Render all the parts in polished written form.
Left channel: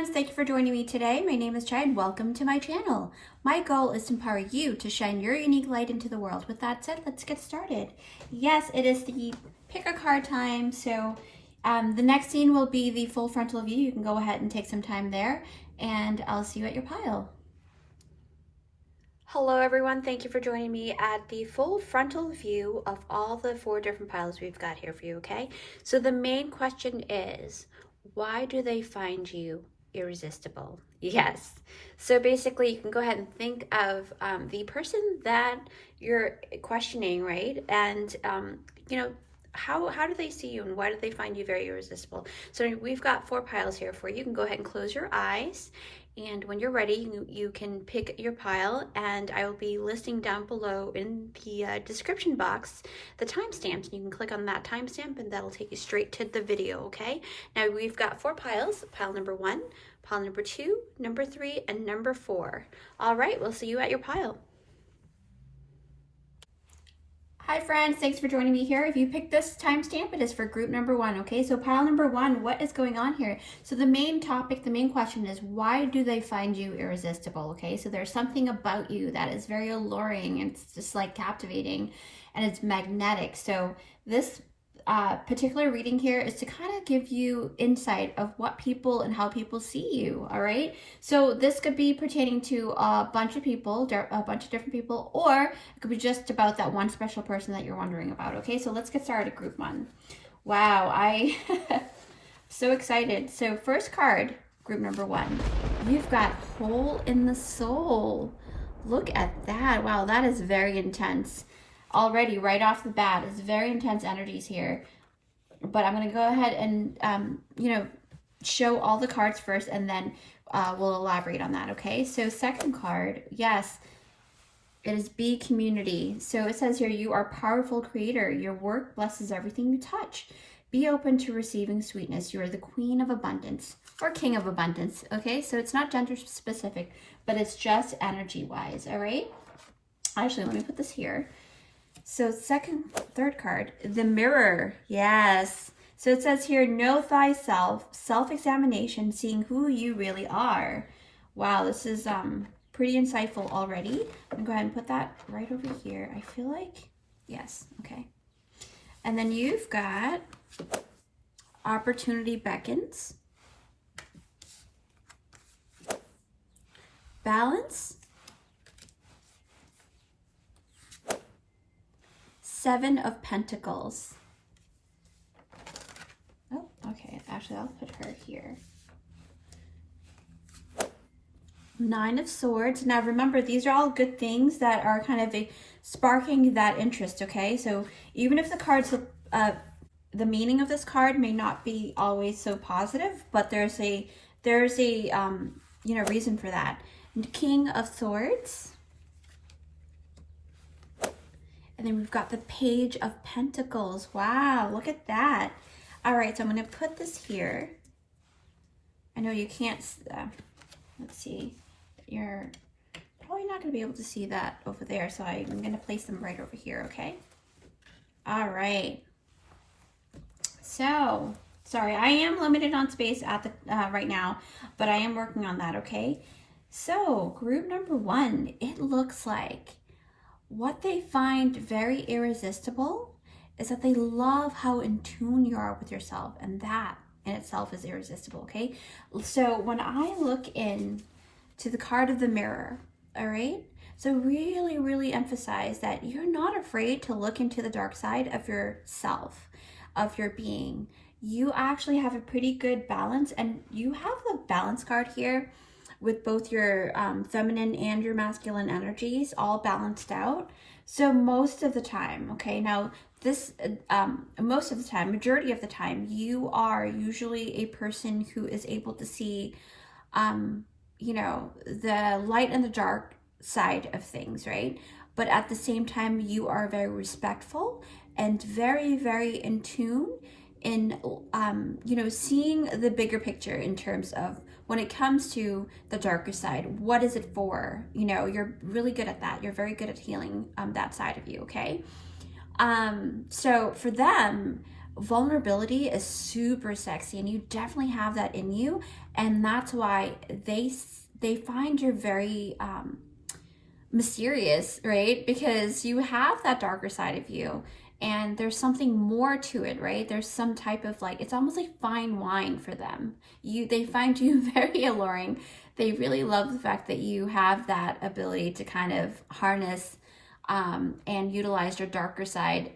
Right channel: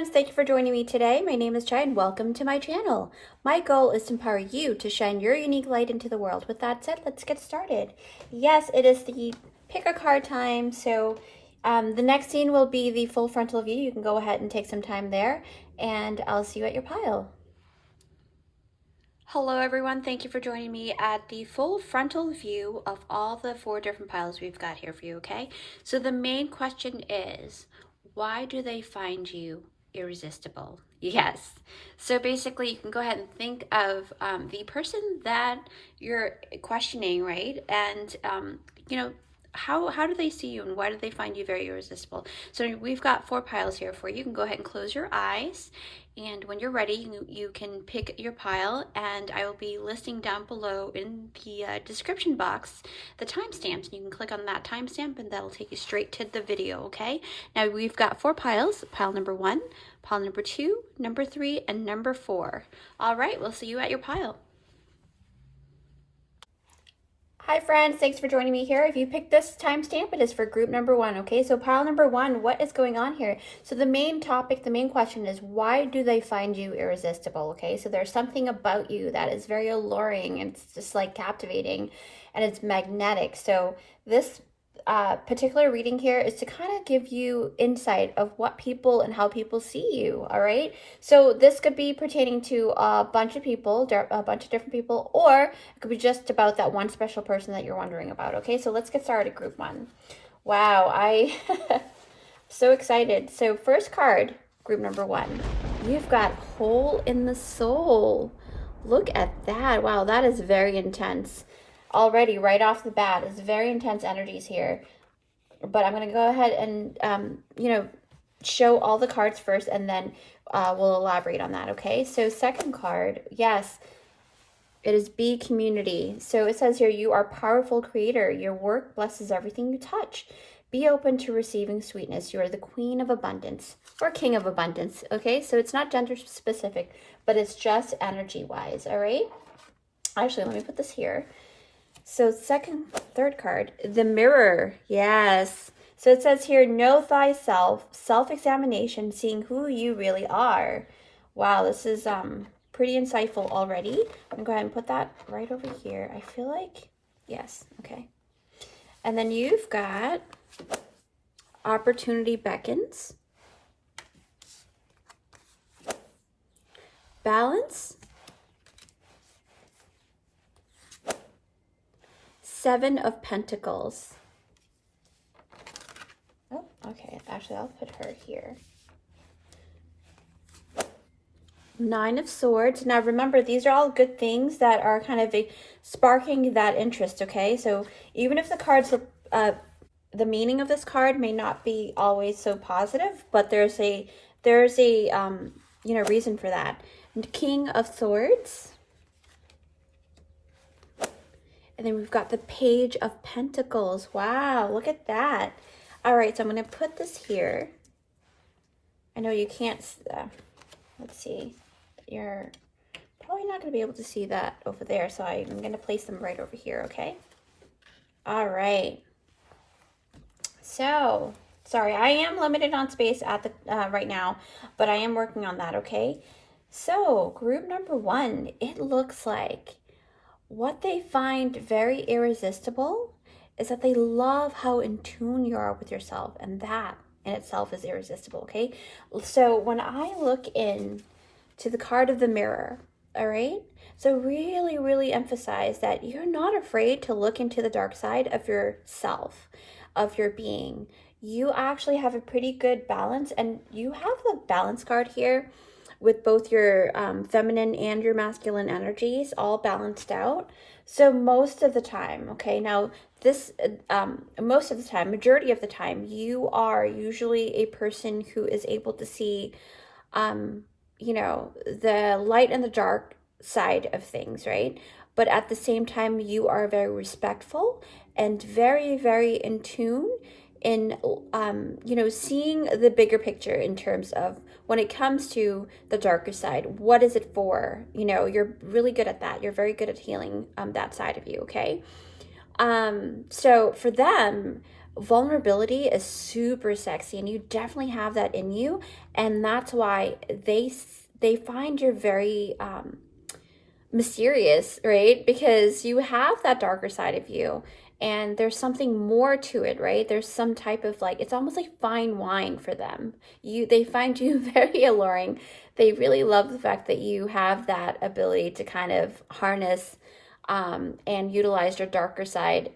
friends, thank you for joining me today. My name is Chai and welcome to my channel. My goal is to empower you to shine your unique light into the world. With that said, let's get started. Yes, it is the pick a card time. So the next scene will be the full frontal view. You can go ahead and take some time there and I'll see you at your pile. Hello everyone, thank you for joining me at the full frontal view of all the 4 different piles we've got here for you, okay? So the main question is, why do they find you irresistible? Yes. So basically you can go ahead and think of the person that you're questioning, right? And, you know, how do they see you and why do they find you very irresistible? So we've got 4 piles here for you. You can go ahead and close your eyes. And when you're ready, you can pick your pile, and I will be listing down below in the description box the timestamps. You can click on that timestamp and that'll take you straight to the video, okay? Now we've got 4 piles, pile number 1, pile number 2, number 3, and number 4. All right, we'll see you at your pile. Hi friends, thanks for joining me here. If you picked this timestamp, it is for group number 1, okay? So pile number 1, what is going on here? So the main topic, the main question is, why do they find you irresistible, okay? So there's something about you that is very alluring, and it's just like captivating, and it's magnetic. So this particular reading here is to kind of give you insight of what people and how people see you, all right? So this could be pertaining to a bunch of people, a bunch of different people, or it could be just about that one special person that you're wondering about, okay? So let's get started, group 1. Wow, I so excited. So first card, group number 1, you've got Hole in the Soul. Look at that. Wow, that is very intense. Already right off the bat, it's very intense energies here, but I'm going to go ahead and you know, show all the cards first, and then we'll elaborate on that. Okay, so second card, yes, it is Be Community. So it says here, you are powerful creator, your work blesses everything you touch, be open to receiving sweetness, you are the queen of abundance or king of abundance. Okay, so it's not gender specific, but it's just energy wise. All right, actually, let me put this here. So third card, the Mirror. Yes. So it says here, know thyself, self-examination, seeing who you really are. Wow, this is pretty insightful already. I'm gonna go ahead and put that right over here. I feel like, yes, okay. And then you've got Opportunity Beckons, Balance, 7 of Pentacles. Oh, okay. Actually, I'll put her here. 9 of Swords. Now, remember, these are all good things that are kind of sparking that interest, okay? So even if the cards, the meaning of this card may not be always so positive, but there's a you know, reason for that. King of Swords. And then we've got the Page of Pentacles. Wow, look at that. All right, so I'm going to put this here. I know you can't, let's see. You're probably not going to be able to see that over there, so I'm going to place them right over here, okay? All right. So, sorry, I am limited on space at the right now, but I am working on that, okay? So, group number 1, it looks like what they find very irresistible is that they love how in tune you are with yourself, and that in itself is irresistible, okay? So when I look in to the card of the Mirror, all right? So really, really emphasize that you're not afraid to look into the dark side of yourself, of your being. You actually have a pretty good balance, and you have the balance card here with both your feminine and your masculine energies all balanced out. So most of the time, okay, now this, most of the time, majority of the time, you are usually a person who is able to see, you know, the light and the dark side of things, right? But at the same time, you are very respectful and very, very in tune in, you know, seeing the bigger picture in terms of when it comes to the darker side, what is it for? You know, you're really good at that. You're very good at healing that side of you, okay? So for them, vulnerability is super sexy, and you definitely have that in you, and that's why they find you're very mysterious, right? Because you have that darker side of you, and there's something more to it, right? There's some type of like, it's almost like fine wine for them. They find you very alluring. They really love the fact that you have that ability to kind of harness and utilize your darker side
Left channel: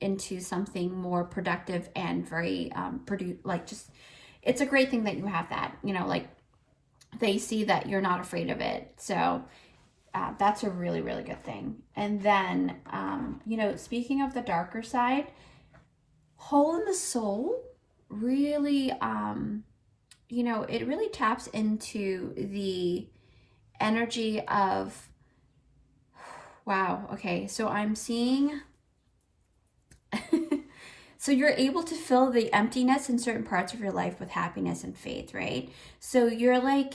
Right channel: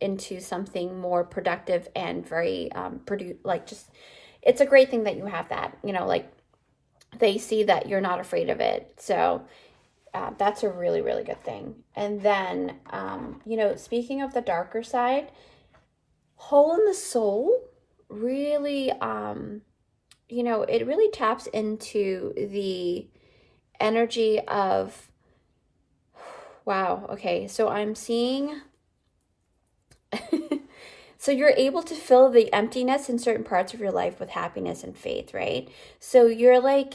into something more productive and very like, just, it's a great thing that you have that, you know, like they see that you're not afraid of it. So that's a really, really good thing. And then, you know, speaking of the darker side, hole in the soul really, you know, it really taps into the energy of, wow, okay, so I'm seeing, so you're able to fill the emptiness in certain parts of your life with happiness and faith, right? So you're like,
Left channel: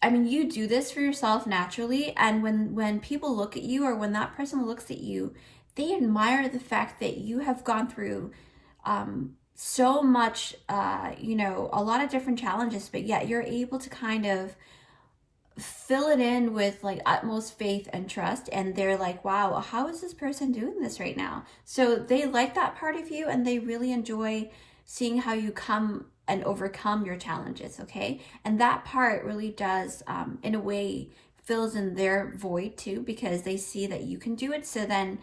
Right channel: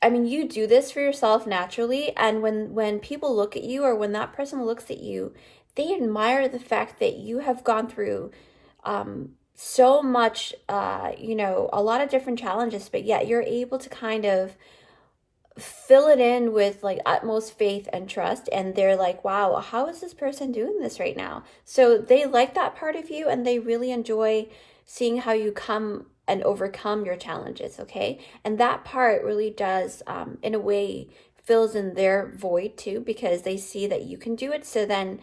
I mean, you do this for yourself naturally, and when people look at you, or when that person looks at you, they admire the fact that you have gone through so much, you know, a lot of different challenges, but yet you're able to kind of fill it in with like utmost faith and trust, and they're like, wow, how is this person doing this right now? So they like that part of you, and they really enjoy seeing how you come and overcome your challenges, okay? And that part really does, in a way, fills in their void too, because they see that you can do it. So then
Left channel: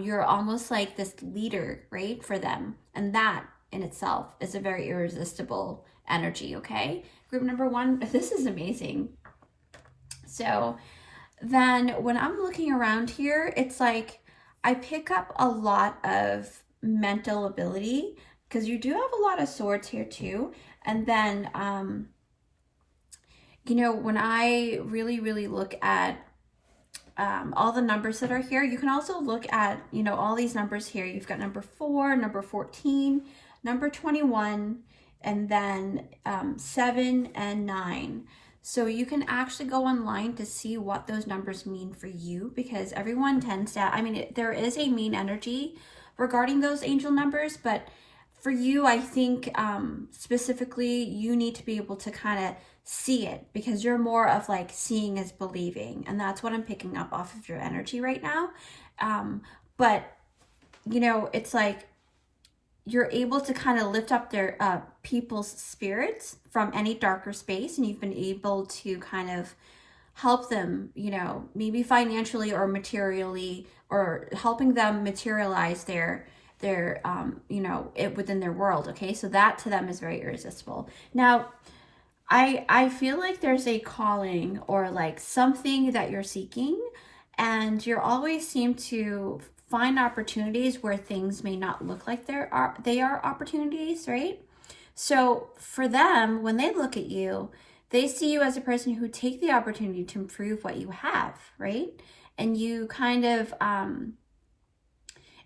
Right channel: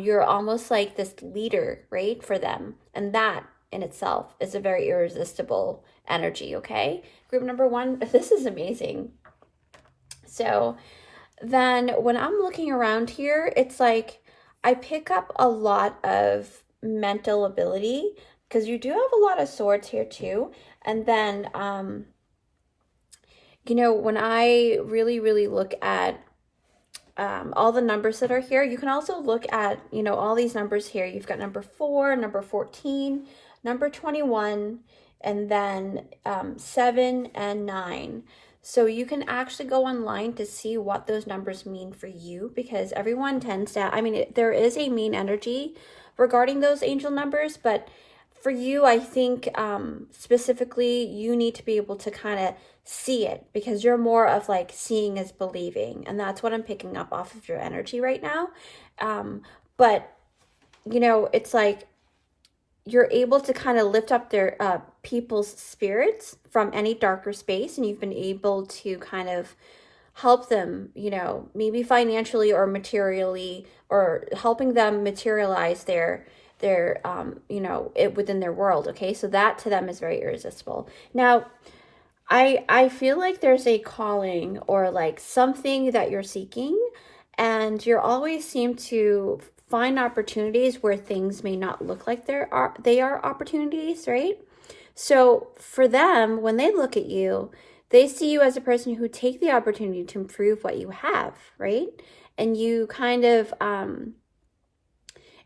you're almost like this leader, right, for them. And that in itself is a very irresistible energy, okay? Group number one, this is amazing. So then when I'm looking around here, it's like I pick up a lot of mental ability, because you do have a lot of swords here too. And then, you know, when I really, really look at all the numbers that are here, you can also look at, you know, all these numbers here. You've got number 4, number 14, number 21, and then 7 and 9. So you can actually go online to see what those numbers mean for you, because everyone tends to, I mean, there is a mean energy regarding those angel numbers, but for you, I think specifically, you need to be able to kind of see it, because you're more of like seeing is believing. And that's what I'm picking up off of your energy right now. But, you know, it's like you're able to kind of lift up their people's spirits from any darker space. And you've been able to kind of help them, you know, maybe financially or materially, or helping them materialize their you know, it within their world. Okay, so that to them is very irresistible. Now I feel like there's a calling, or like something that you're seeking, and you always seem to find opportunities where things may not look like they are opportunities, right? So for them, when they look at you, they see you as a person who take the opportunity to improve what you have, right? And you kind of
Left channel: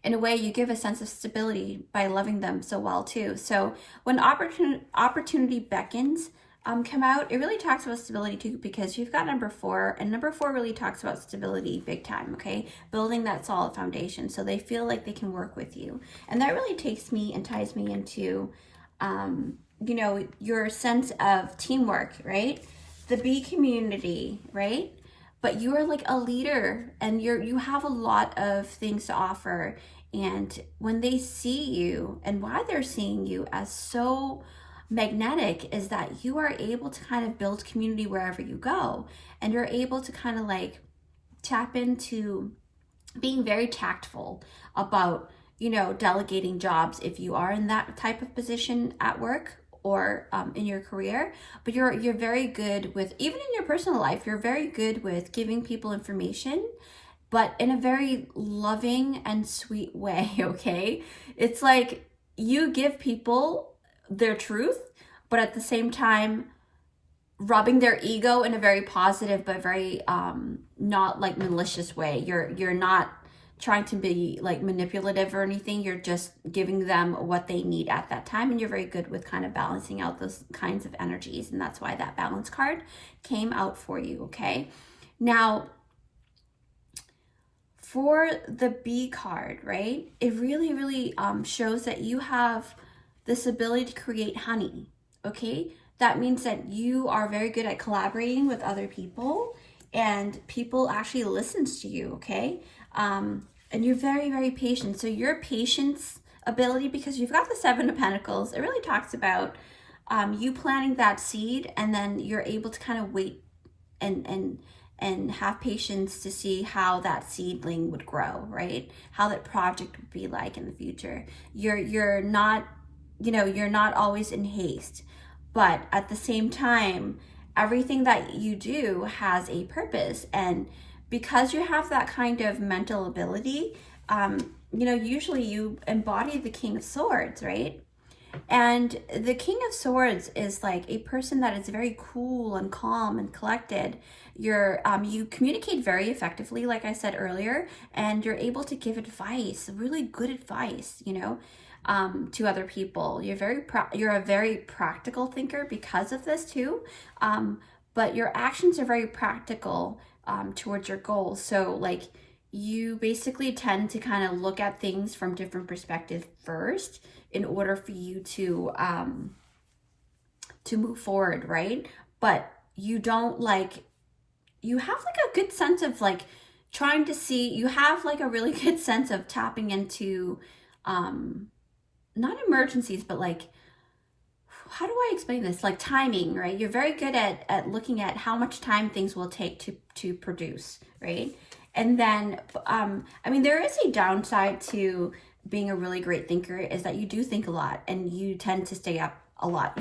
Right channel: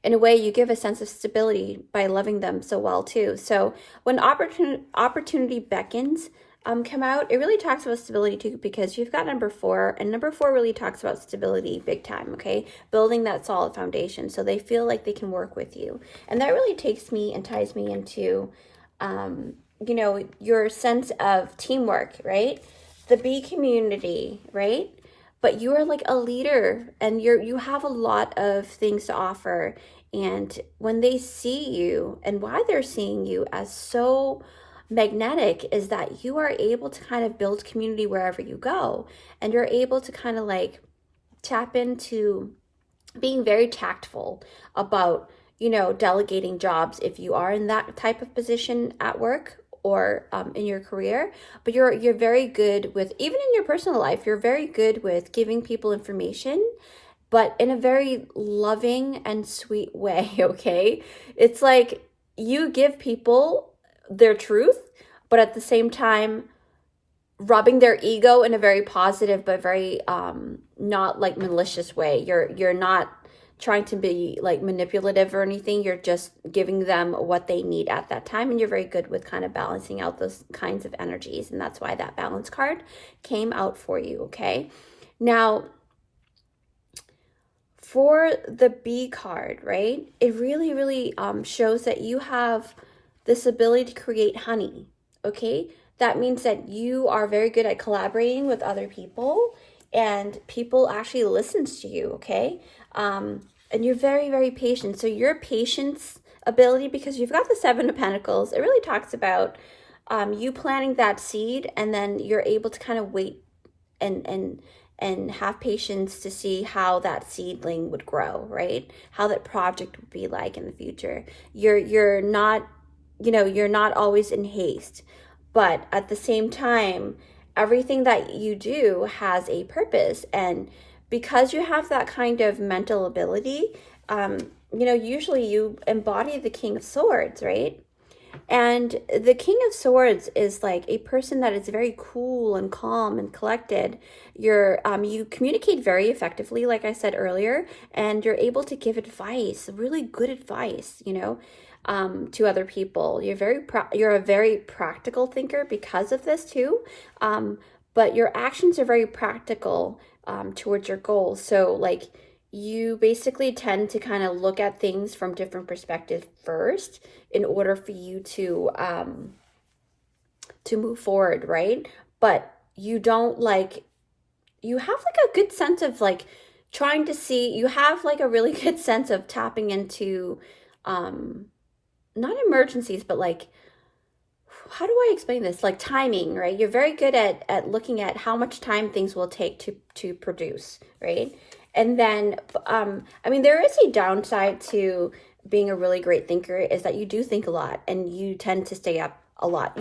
in a way, you give a sense of stability by loving them so well too. So when opportunity beckons come out, it really talks about stability too, because you've got number 4, and number 4 really talks about stability big time, okay? Building that solid foundation, so they feel like they can work with you. And that really takes me and ties me into, you know, your sense of teamwork, right? The B community, right? But you are like a leader, and you have a lot of things to offer. And when they see you, and why they're seeing you as so magnetic, is that you are able to kind of build community wherever you go. And you're able to kind of like tap into being very tactful about, you know, delegating jobs if you are in that type of position at work, or in your career. But you're very good with, even in your personal life, you're very good with giving people information, but in a very loving and sweet way, okay? It's like you give people their truth, but at the same time, rubbing their ego in a very positive, but very not like malicious way. You're not trying to be like manipulative or anything. You're just giving them what they need at that time, and you're very good with kind of balancing out those kinds of energies, and that's why that balance card came out for you, okay? Now, for the B card, right, it really shows that you have this ability to create honey, okay? That means that you are very good at collaborating with other people, and people actually listens to you, okay? And you're very patient. So your patience ability, because you've got the Seven of Pentacles, it really talks about you planting that seed, and then you're able to kind of wait and have patience to see how that seedling would grow, right? How that project would be like in the future. You're not, you know, you're not always in haste, but at the same time, everything that you do has a purpose. And because you have that kind of mental ability, you know, usually you embody the King of Swords, right? And the King of Swords is like a person that is very cool and calm and collected. You communicate very effectively, like I said earlier, and you're able to give advice, really good advice, you know, to other people. You're a very practical thinker because of this too, but your actions are very practical towards your goals. So like you basically tend to kind of look at things from different perspectives first in order for you to move forward, right? But you don't like, you have like a good sense of like trying to see, you have like a really good sense of tapping into not emergencies, but like, how do I explain this? Like timing, right? You're very good at looking at how much time things will take to produce, right? And then, I mean, there is a downside to being a really great thinker, is that you do think a lot and you tend to stay up a lot.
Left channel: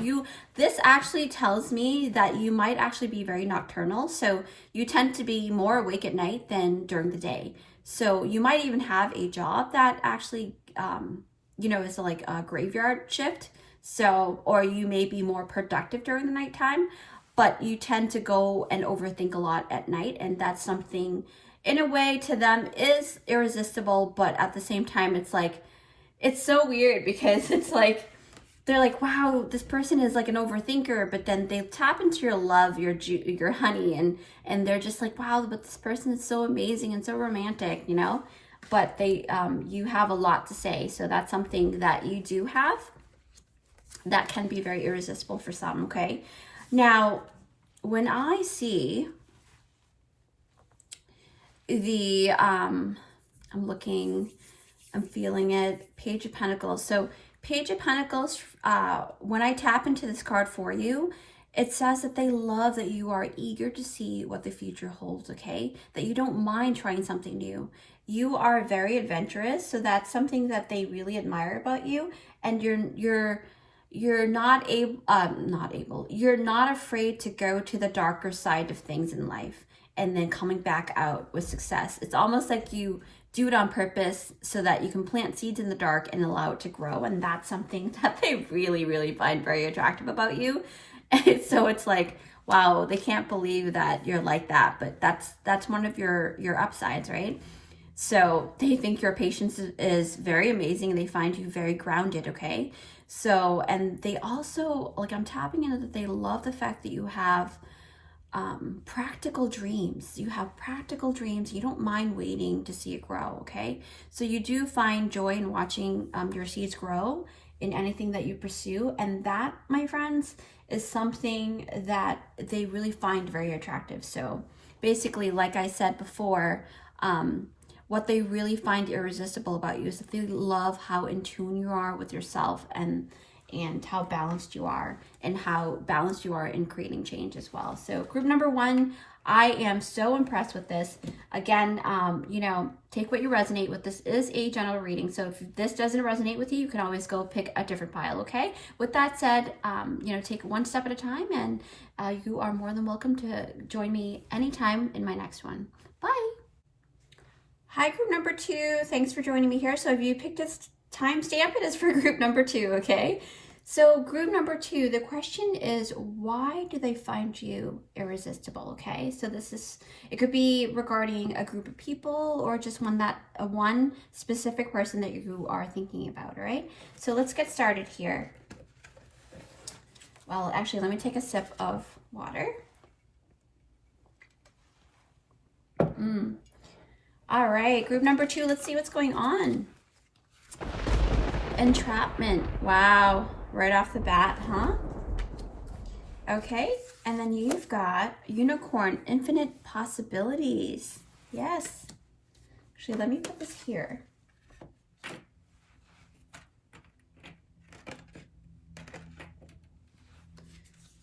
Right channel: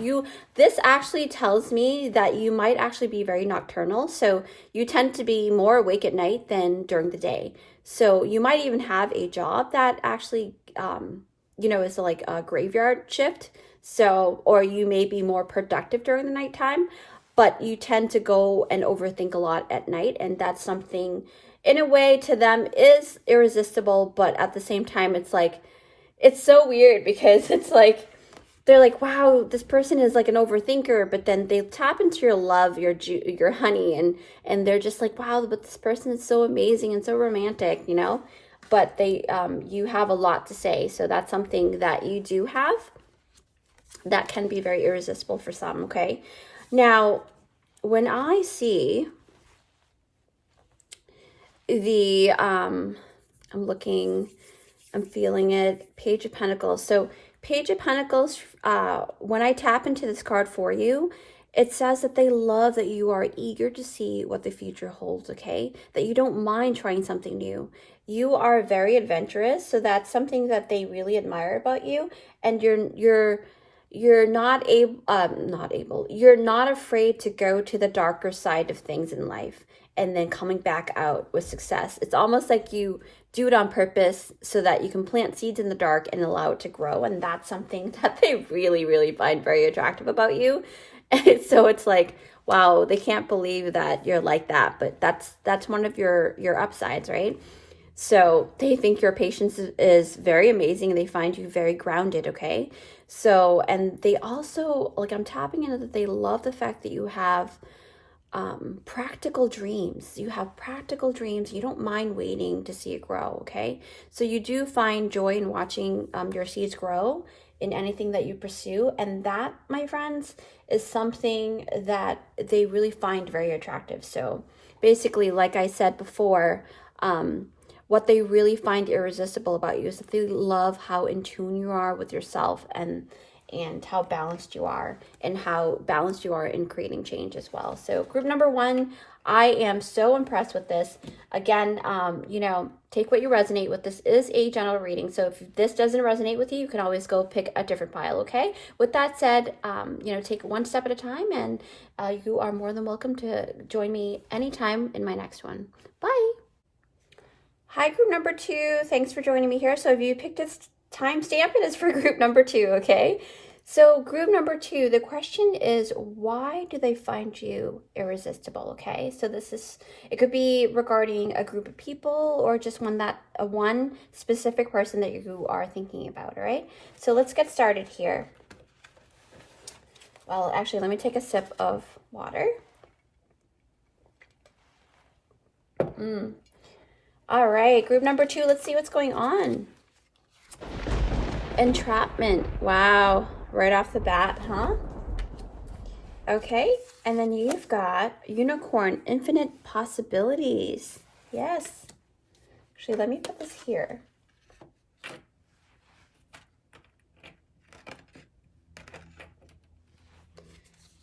This actually tells me that you might actually be very nocturnal. So you tend to be more awake at night than during the day. So you might even have a job that actually, you know, is like a graveyard shift. So, or you may be more productive during the nighttime, but you tend to go and overthink a lot at night. And that's something, in a way, to them is irresistible, but at the same time, it's like, it's so weird because it's like, they're like, wow, this person is like an overthinker, but then they tap into your love, your honey, and they're just like, wow, but this person is so amazing and so romantic, you know? But they, you have a lot to say, so that's something that you do have that can be very irresistible for some, okay? Now, when I see the, I'm looking, I'm feeling it, Page of Pentacles. So Page of Pentacles, when I tap into this card for you, it says that they love that you are eager to see what the future holds, okay? That you don't mind trying something new. You are very adventurous, so that's something that they really admire about you. And you're not you're not afraid to go to the darker side of things in life and then coming back out with success. It's almost like you do it on purpose so that you can plant seeds in the dark and allow it to grow. And that's something that they really find very attractive about you. And so it's like, wow, they can't believe that you're like that, but that's one of your upsides, right? So they think your patience is very amazing, and they find you very grounded, okay? So, and they also, like, I'm tapping into that they love the fact that you have practical dreams. You have practical dreams. You don't mind waiting to see it grow, okay? So you do find joy in watching your seeds grow in anything that you pursue. And that, my friends, is something that they really find very attractive. So basically, like I said before, what they really find irresistible about you is that they love how in tune you are with yourself, and how balanced you are, and how balanced you are in creating change as well. So group number one, I am so impressed with this. Again, you know, take what you resonate with. This is a general reading. So if this doesn't resonate with you, you can always go pick a different pile, okay? With that said, you know, take one step at a time, and you are more than welcome to join me anytime in my next one. Bye. Hi, group number two. Thanks for joining me here. So if you picked this timestamp, it is for group number two, okay? So group number two, the question is, why do they find you irresistible, okay? So it could be regarding a group of people, or just one specific person that you are thinking about, all right? So let's get started here. Well, actually, let me take a sip of water. All right, group number 2, let's see what's going on. Entrapment. Wow, right off the bat, huh? Okay, and then you've got unicorn, infinite possibilities. Yes. Actually, let me put this here.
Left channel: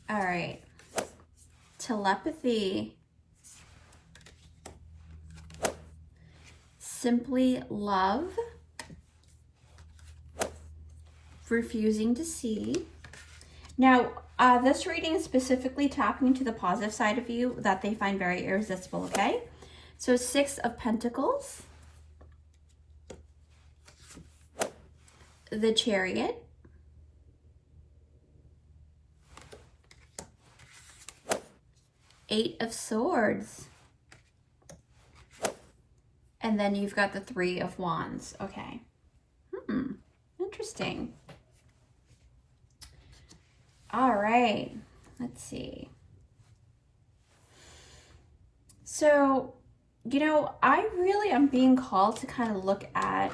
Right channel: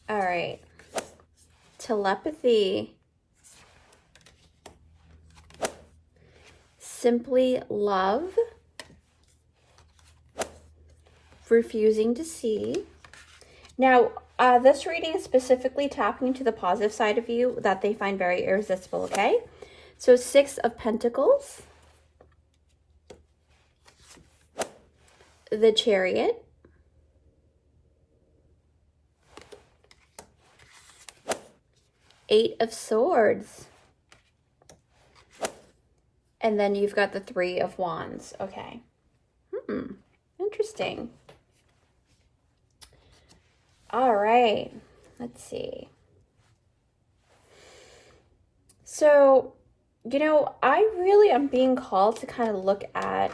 All right. Telepathy. Simply love. Refusing to see. Now, this reading is specifically tapping into the positive side of you that they find very irresistible, okay? So 6 of Pentacles. The Chariot. Eight of Swords. And then you've got the 3 of Wands. Okay. Interesting. All right. Let's see. So, you know, I really am being called to kind of look at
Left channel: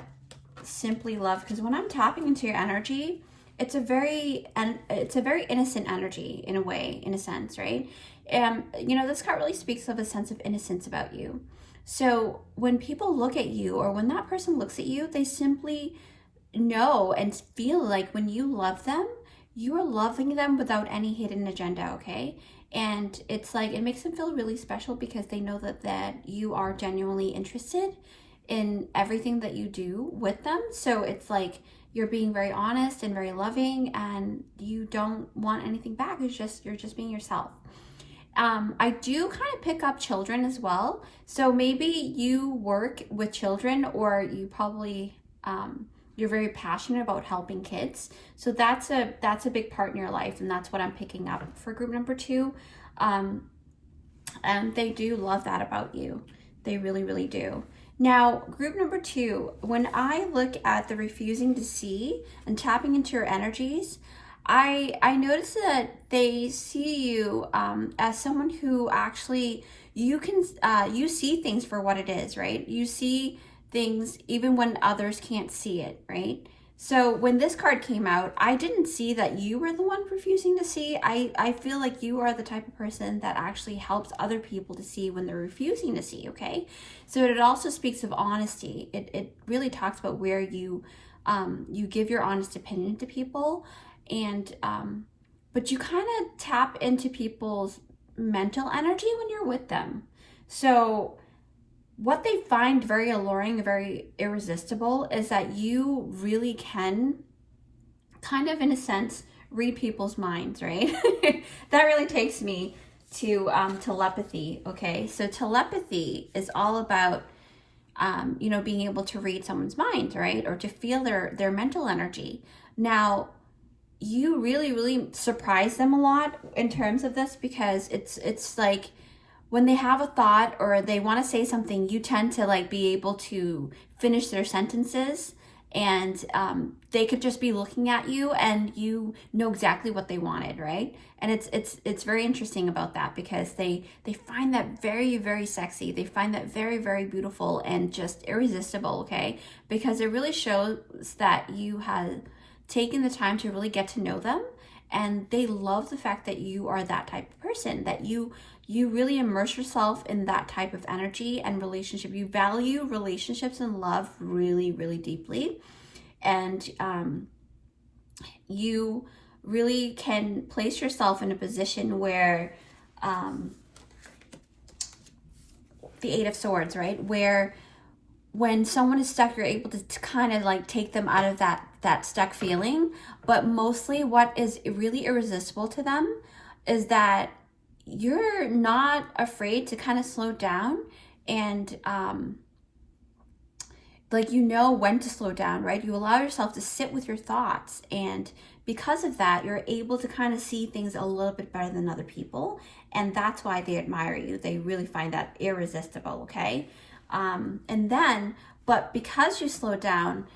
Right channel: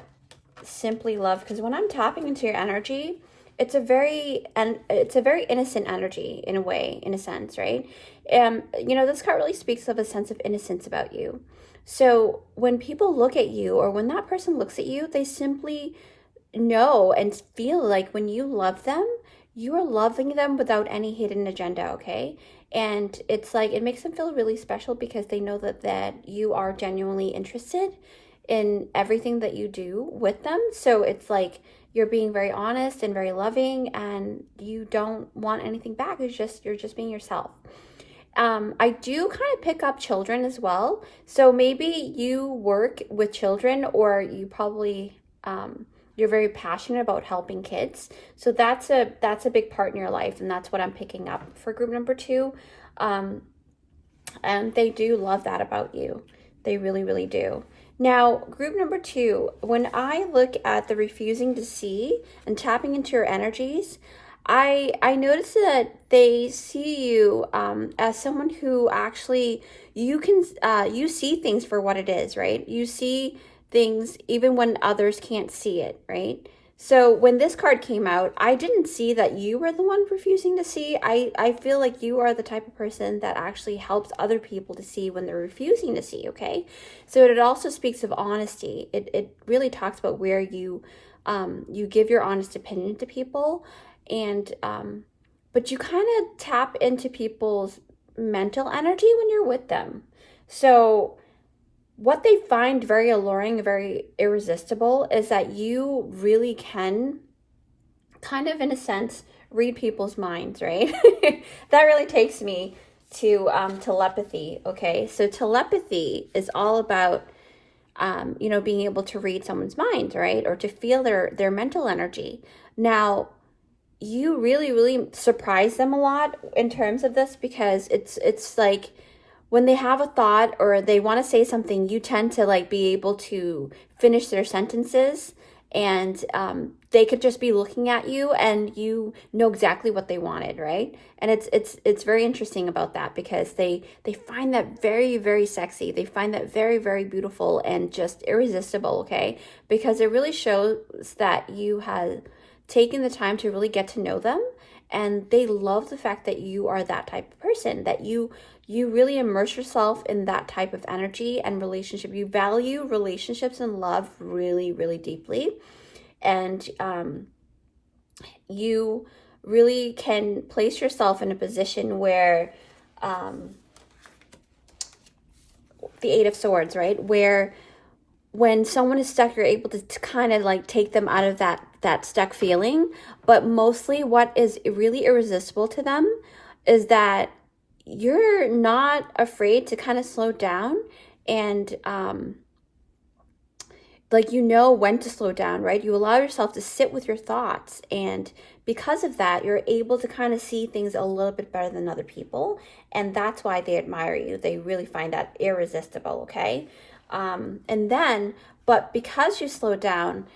simply love, because when I'm tapping into your energy, it's a very innocent energy in a way, in a sense, right? You know, this card really speaks of a sense of innocence about you. So when people look at you, or when that person looks at you, they simply know and feel like when you love them, you are loving them without any hidden agenda, okay? And it's like, it makes them feel really special because they know that you are genuinely interested in everything that you do with them. So it's like you're being very honest and very loving, and you don't want anything back. You're just being yourself. I do kind of pick up children as well. So maybe you work with children, or you probably you're very passionate about helping kids. So that's a big part in your life, and that's what I'm picking up for group number 2. And they do love that about you. They really, really do. Now, group number 2, when I look at the refusing to see and tapping into your energies, I notice that they see you as someone who actually, you see things for what it is, right? You see things even when others can't see it, right? So when this card came out, I didn't see that you were the one refusing to see. I feel like you are the type of person that actually helps other people to see when they're refusing to see, okay? So it also speaks of honesty. It really talks about where you give your honest opinion to people, and but you kind of tap into people's mental energy when you're with them. So what they find very alluring, very irresistible, is that you really can kind of, in a sense, read people's minds, right? That really takes me to telepathy, okay? So telepathy is all about, you know, being able to read someone's mind, right? Or to feel their mental energy. Now, you really, really surprise them a lot in terms of this, because it's like, when they have a thought or they want to say something, you tend to like be able to finish their sentences, and they could just be looking at you and you know exactly what they wanted, right? And it's very interesting about that, because they find that very, very sexy. They find that very, very beautiful and just irresistible, okay? Because it really shows that you have taken the time to really get to know them, and they love the fact that you are that type of person, that you really immerse yourself in that type of energy and relationship. You value relationships and love really, really deeply. And you really can place yourself in a position where the 8 of Swords, right? Where when someone is stuck, you're able to kind of like take them out of that stuck feeling. But mostly what is really irresistible to them is that you're not afraid to kind of slow down, and like, you know when to slow down, right? You allow yourself to sit with your thoughts, and because of that, you're able to kind of see things a little bit better than other people, and that's why they admire you. They really find that irresistible, okay? And then, but because you slow down,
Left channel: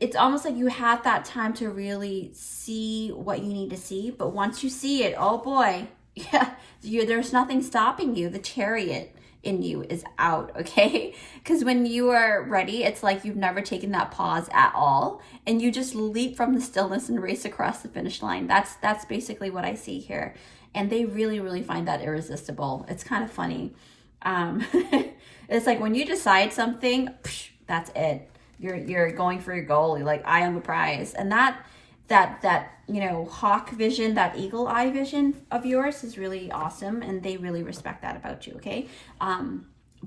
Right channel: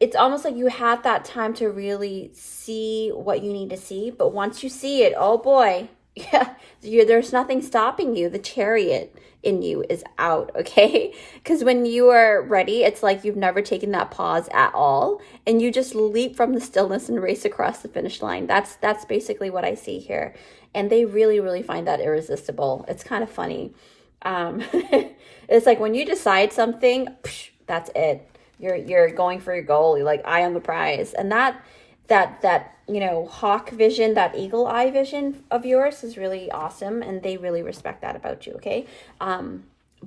it's almost like you have that time to really see what you need to see. But once you see it, oh boy, Yeah, there's nothing stopping you. The chariot in you is out, okay? Because when you are ready, it's like you've never taken that pause at all, and you just leap from the stillness and race across the finish line. That's basically what I see here. And they really, really find that irresistible. It's kind of funny. Um, it's like when you decide something, psh, that's it. You're going for your goal. You're like, I am the prize. And that you know, hawk vision, that eagle eye vision of yours is really awesome, and they really respect that about you. Okay,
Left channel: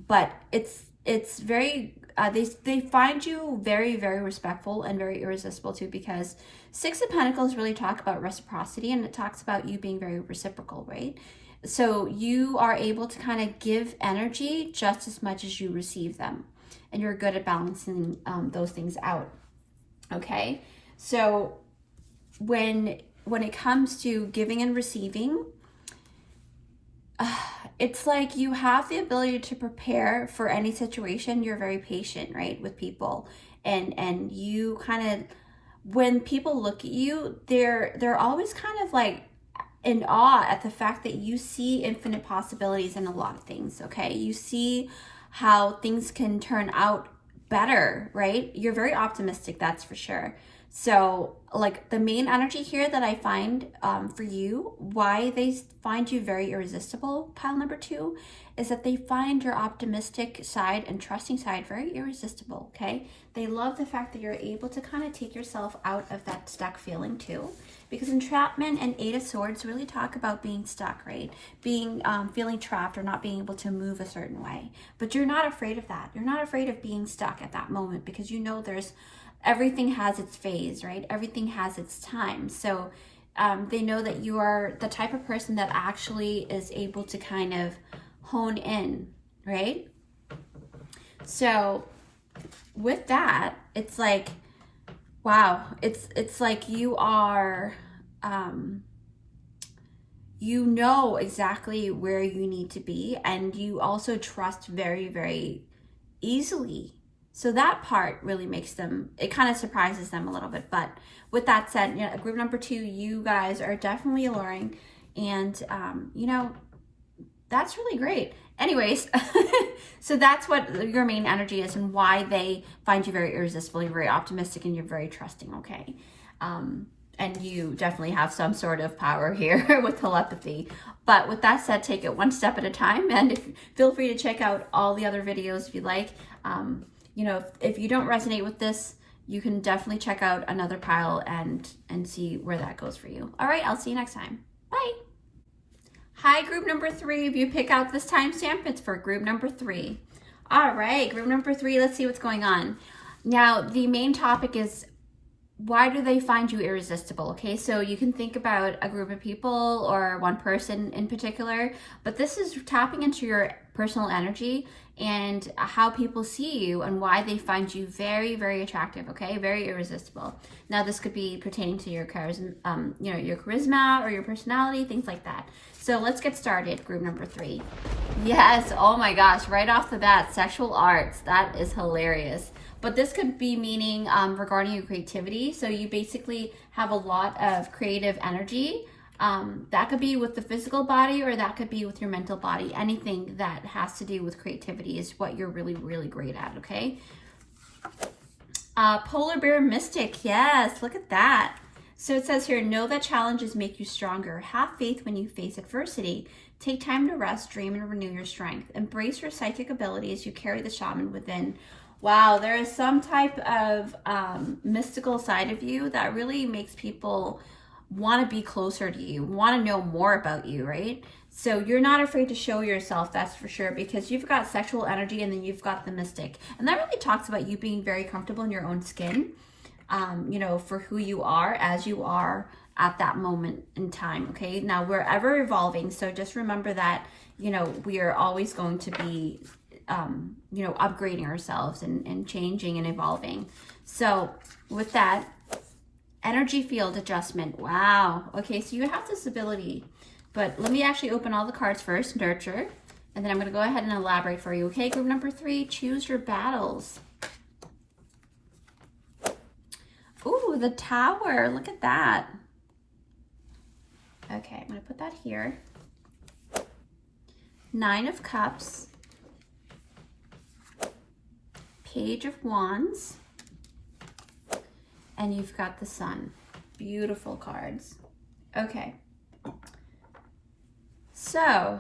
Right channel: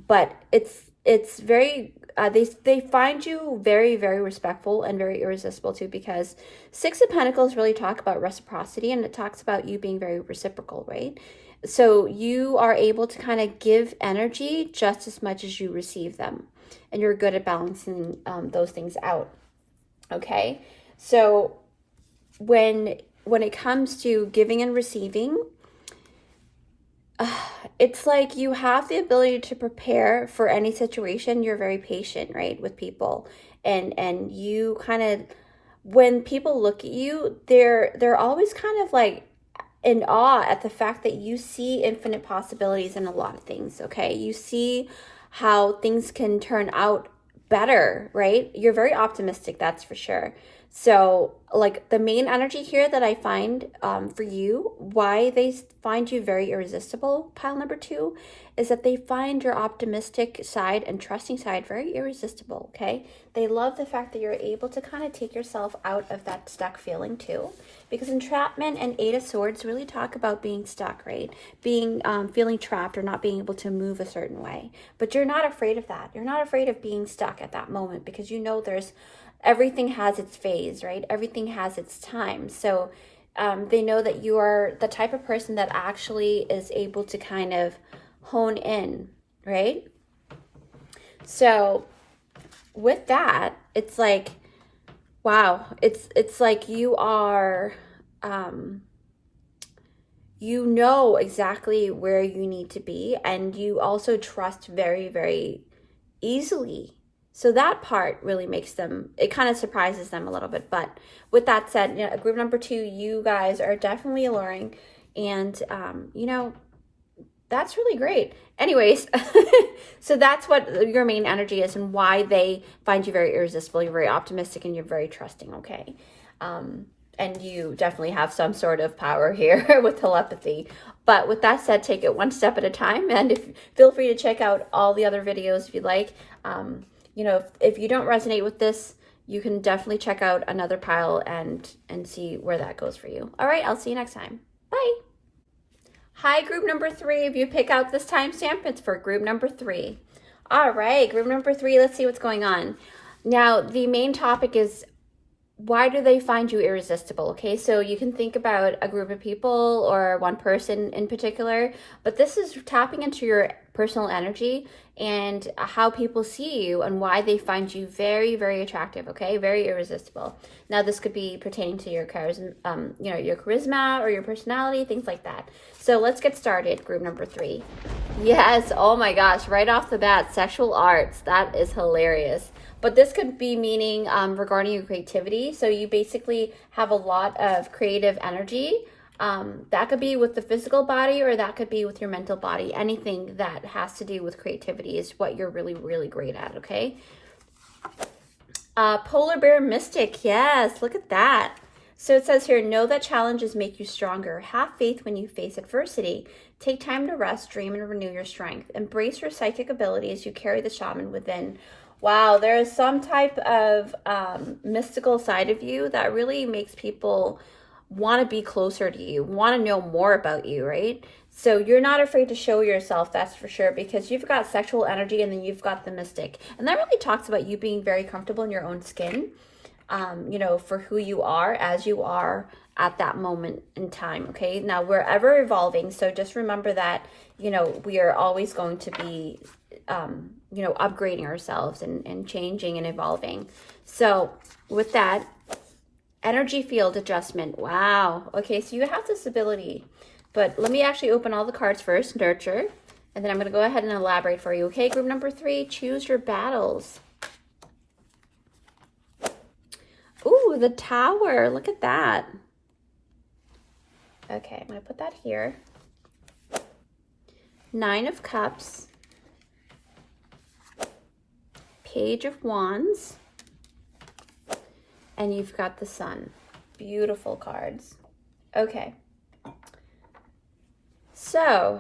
but it's very they find you very, very respectful and very irresistible too, because Six of Pentacles really talk about reciprocity, and it talks about you being very reciprocal, right? So you are able to kind of give energy just as much as you receive them, and you're good at balancing those things out. Okay, so when it comes to giving and receiving, it's like you have the ability to prepare for any situation. You're very patient, right, with people, and you kind of, when people look at you, they're always kind of like in awe at the fact that you see infinite possibilities in a lot of things. Okay, you see how things can turn out better, right? You're very optimistic, that's for sure. So like the main energy here that I find for you, why they find you very irresistible, pile number 2, is that they find your optimistic side and trusting side very irresistible, okay? They love the fact that you're able to kind of take yourself out of that stuck feeling too. Because entrapment and Eight of Swords really talk about being stuck, right? Being, feeling trapped or not being able to move a certain way. But you're not afraid of that. You're not afraid of being stuck at that moment, because you know everything has its phase, right? Everything has its time. So they know that you are the type of person that actually is able to kind of hone in, right? So with that, it's like, wow, it's like you are, you know exactly where you need to be, and you also trust very, very easily. So that part really makes them, it kind of surprises them a little bit. But with that said, you know, group number 2, you guys are definitely alluring, and you know, that's really great. Anyways, so that's what your main energy is and why they find you very irresistible. You're very optimistic and you're very trusting, okay? And you definitely have some sort of power here with telepathy. But with that said, take it one step at a time, and feel free to check out all the other videos if you'd like. You know, if you don't resonate with this, you can definitely check out another pile and see where that goes for you. All right, I'll see you next time. Bye. Hi, group number 3. If you pick out this timestamp, it's for group number 3. All right, group number 3, let's see what's going on. Now, the main topic is, why do they find you irresistible? Okay, so you can think about a group of people or one person in particular, but this is tapping into your personal energy and how people see you and why they find you very, very attractive, okay? Very irresistible. Now, this could be pertaining to your charisma, you know, your charisma or your personality, things like that. So let's get started, group number 3. Yes, oh my gosh, right off the bat, sexual arts. That is hilarious. But this could be meaning regarding your creativity. So you basically have a lot of creative energy. That could be with the physical body, or that could be with your mental body. Anything that has to do with creativity is what you're really, really great at, okay? Polar Bear Mystic, yes, look at that. So it says here, know that challenges make you stronger. Have faith when you face adversity. Take time to rest, dream, and renew your strength. Embrace your psychic abilities. You carry the shaman within. Wow, there is some type of mystical side of you that really makes people want to be closer to you, want to know more about you, right? So you're not afraid to show yourself, that's for sure, because you've got sexual energy and then you've got the mystic. And that really talks about you being very comfortable in your own skin, you know, for who you are as you are at that moment in time, okay? Now, we're ever evolving, so just remember that, you know, we are always going to be you know, upgrading ourselves and changing and evolving. So with that, energy field adjustment. Wow. Okay, so you have this ability, but let me actually open all the cards first, nurture, and then I'm going to go ahead and elaborate for you. Okay, group number 3, choose your battles. Ooh, the Tower. Look at that. Okay, I'm going to put that here. Nine of Cups, Page of Wands, and you've got the Sun. Beautiful cards. Okay. So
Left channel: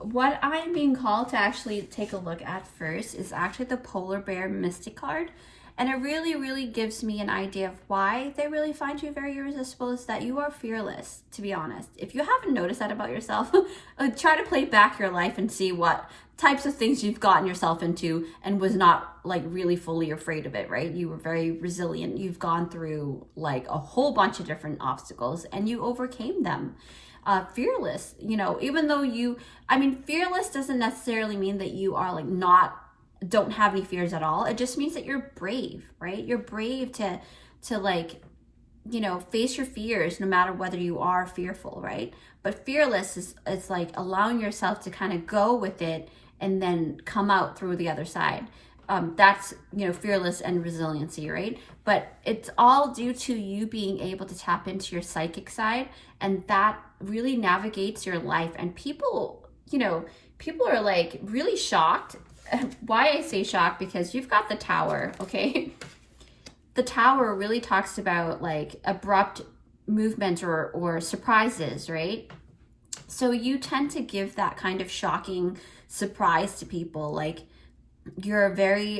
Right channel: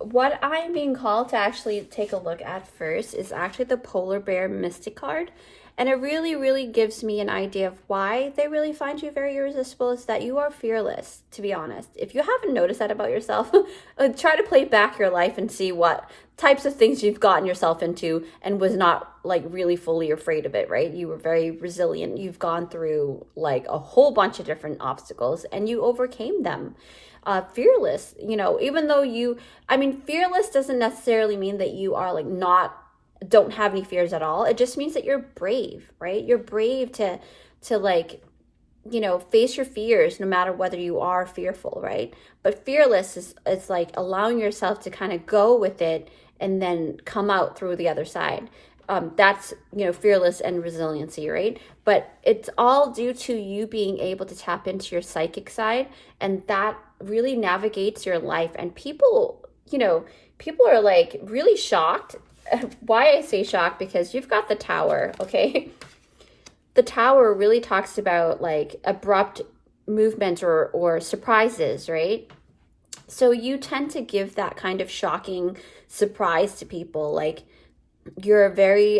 what I'm being called to actually take a look at first is actually the Polar Bear Mystic card. And it really, really gives me an idea of why they really find you very irresistible, is that you are fearless, to be honest. If you haven't noticed that about yourself, try to play back your life and see what types of things you've gotten yourself into and was not like really fully afraid of it, right? You were very resilient. You've gone through like a whole bunch of different obstacles and you overcame them. Fearless, you know, even though fearless doesn't necessarily mean that you are like don't have any fears at all. It just means that you're brave, right? You're brave to like, you know, face your fears no matter whether you are fearful, right? But fearless is like allowing yourself to kind of go with it and then come out through the other side. That's, you know, fearless and resiliency, right? But it's all due to you being able to tap into your psychic side, and that really navigates your life. And people, you know, people are like really shocked. Why I say shocked, because you've got the Tower, okay? The Tower really talks about like abrupt movement or surprises, right? So you tend to give that kind of shocking surprise to people. Like you're very,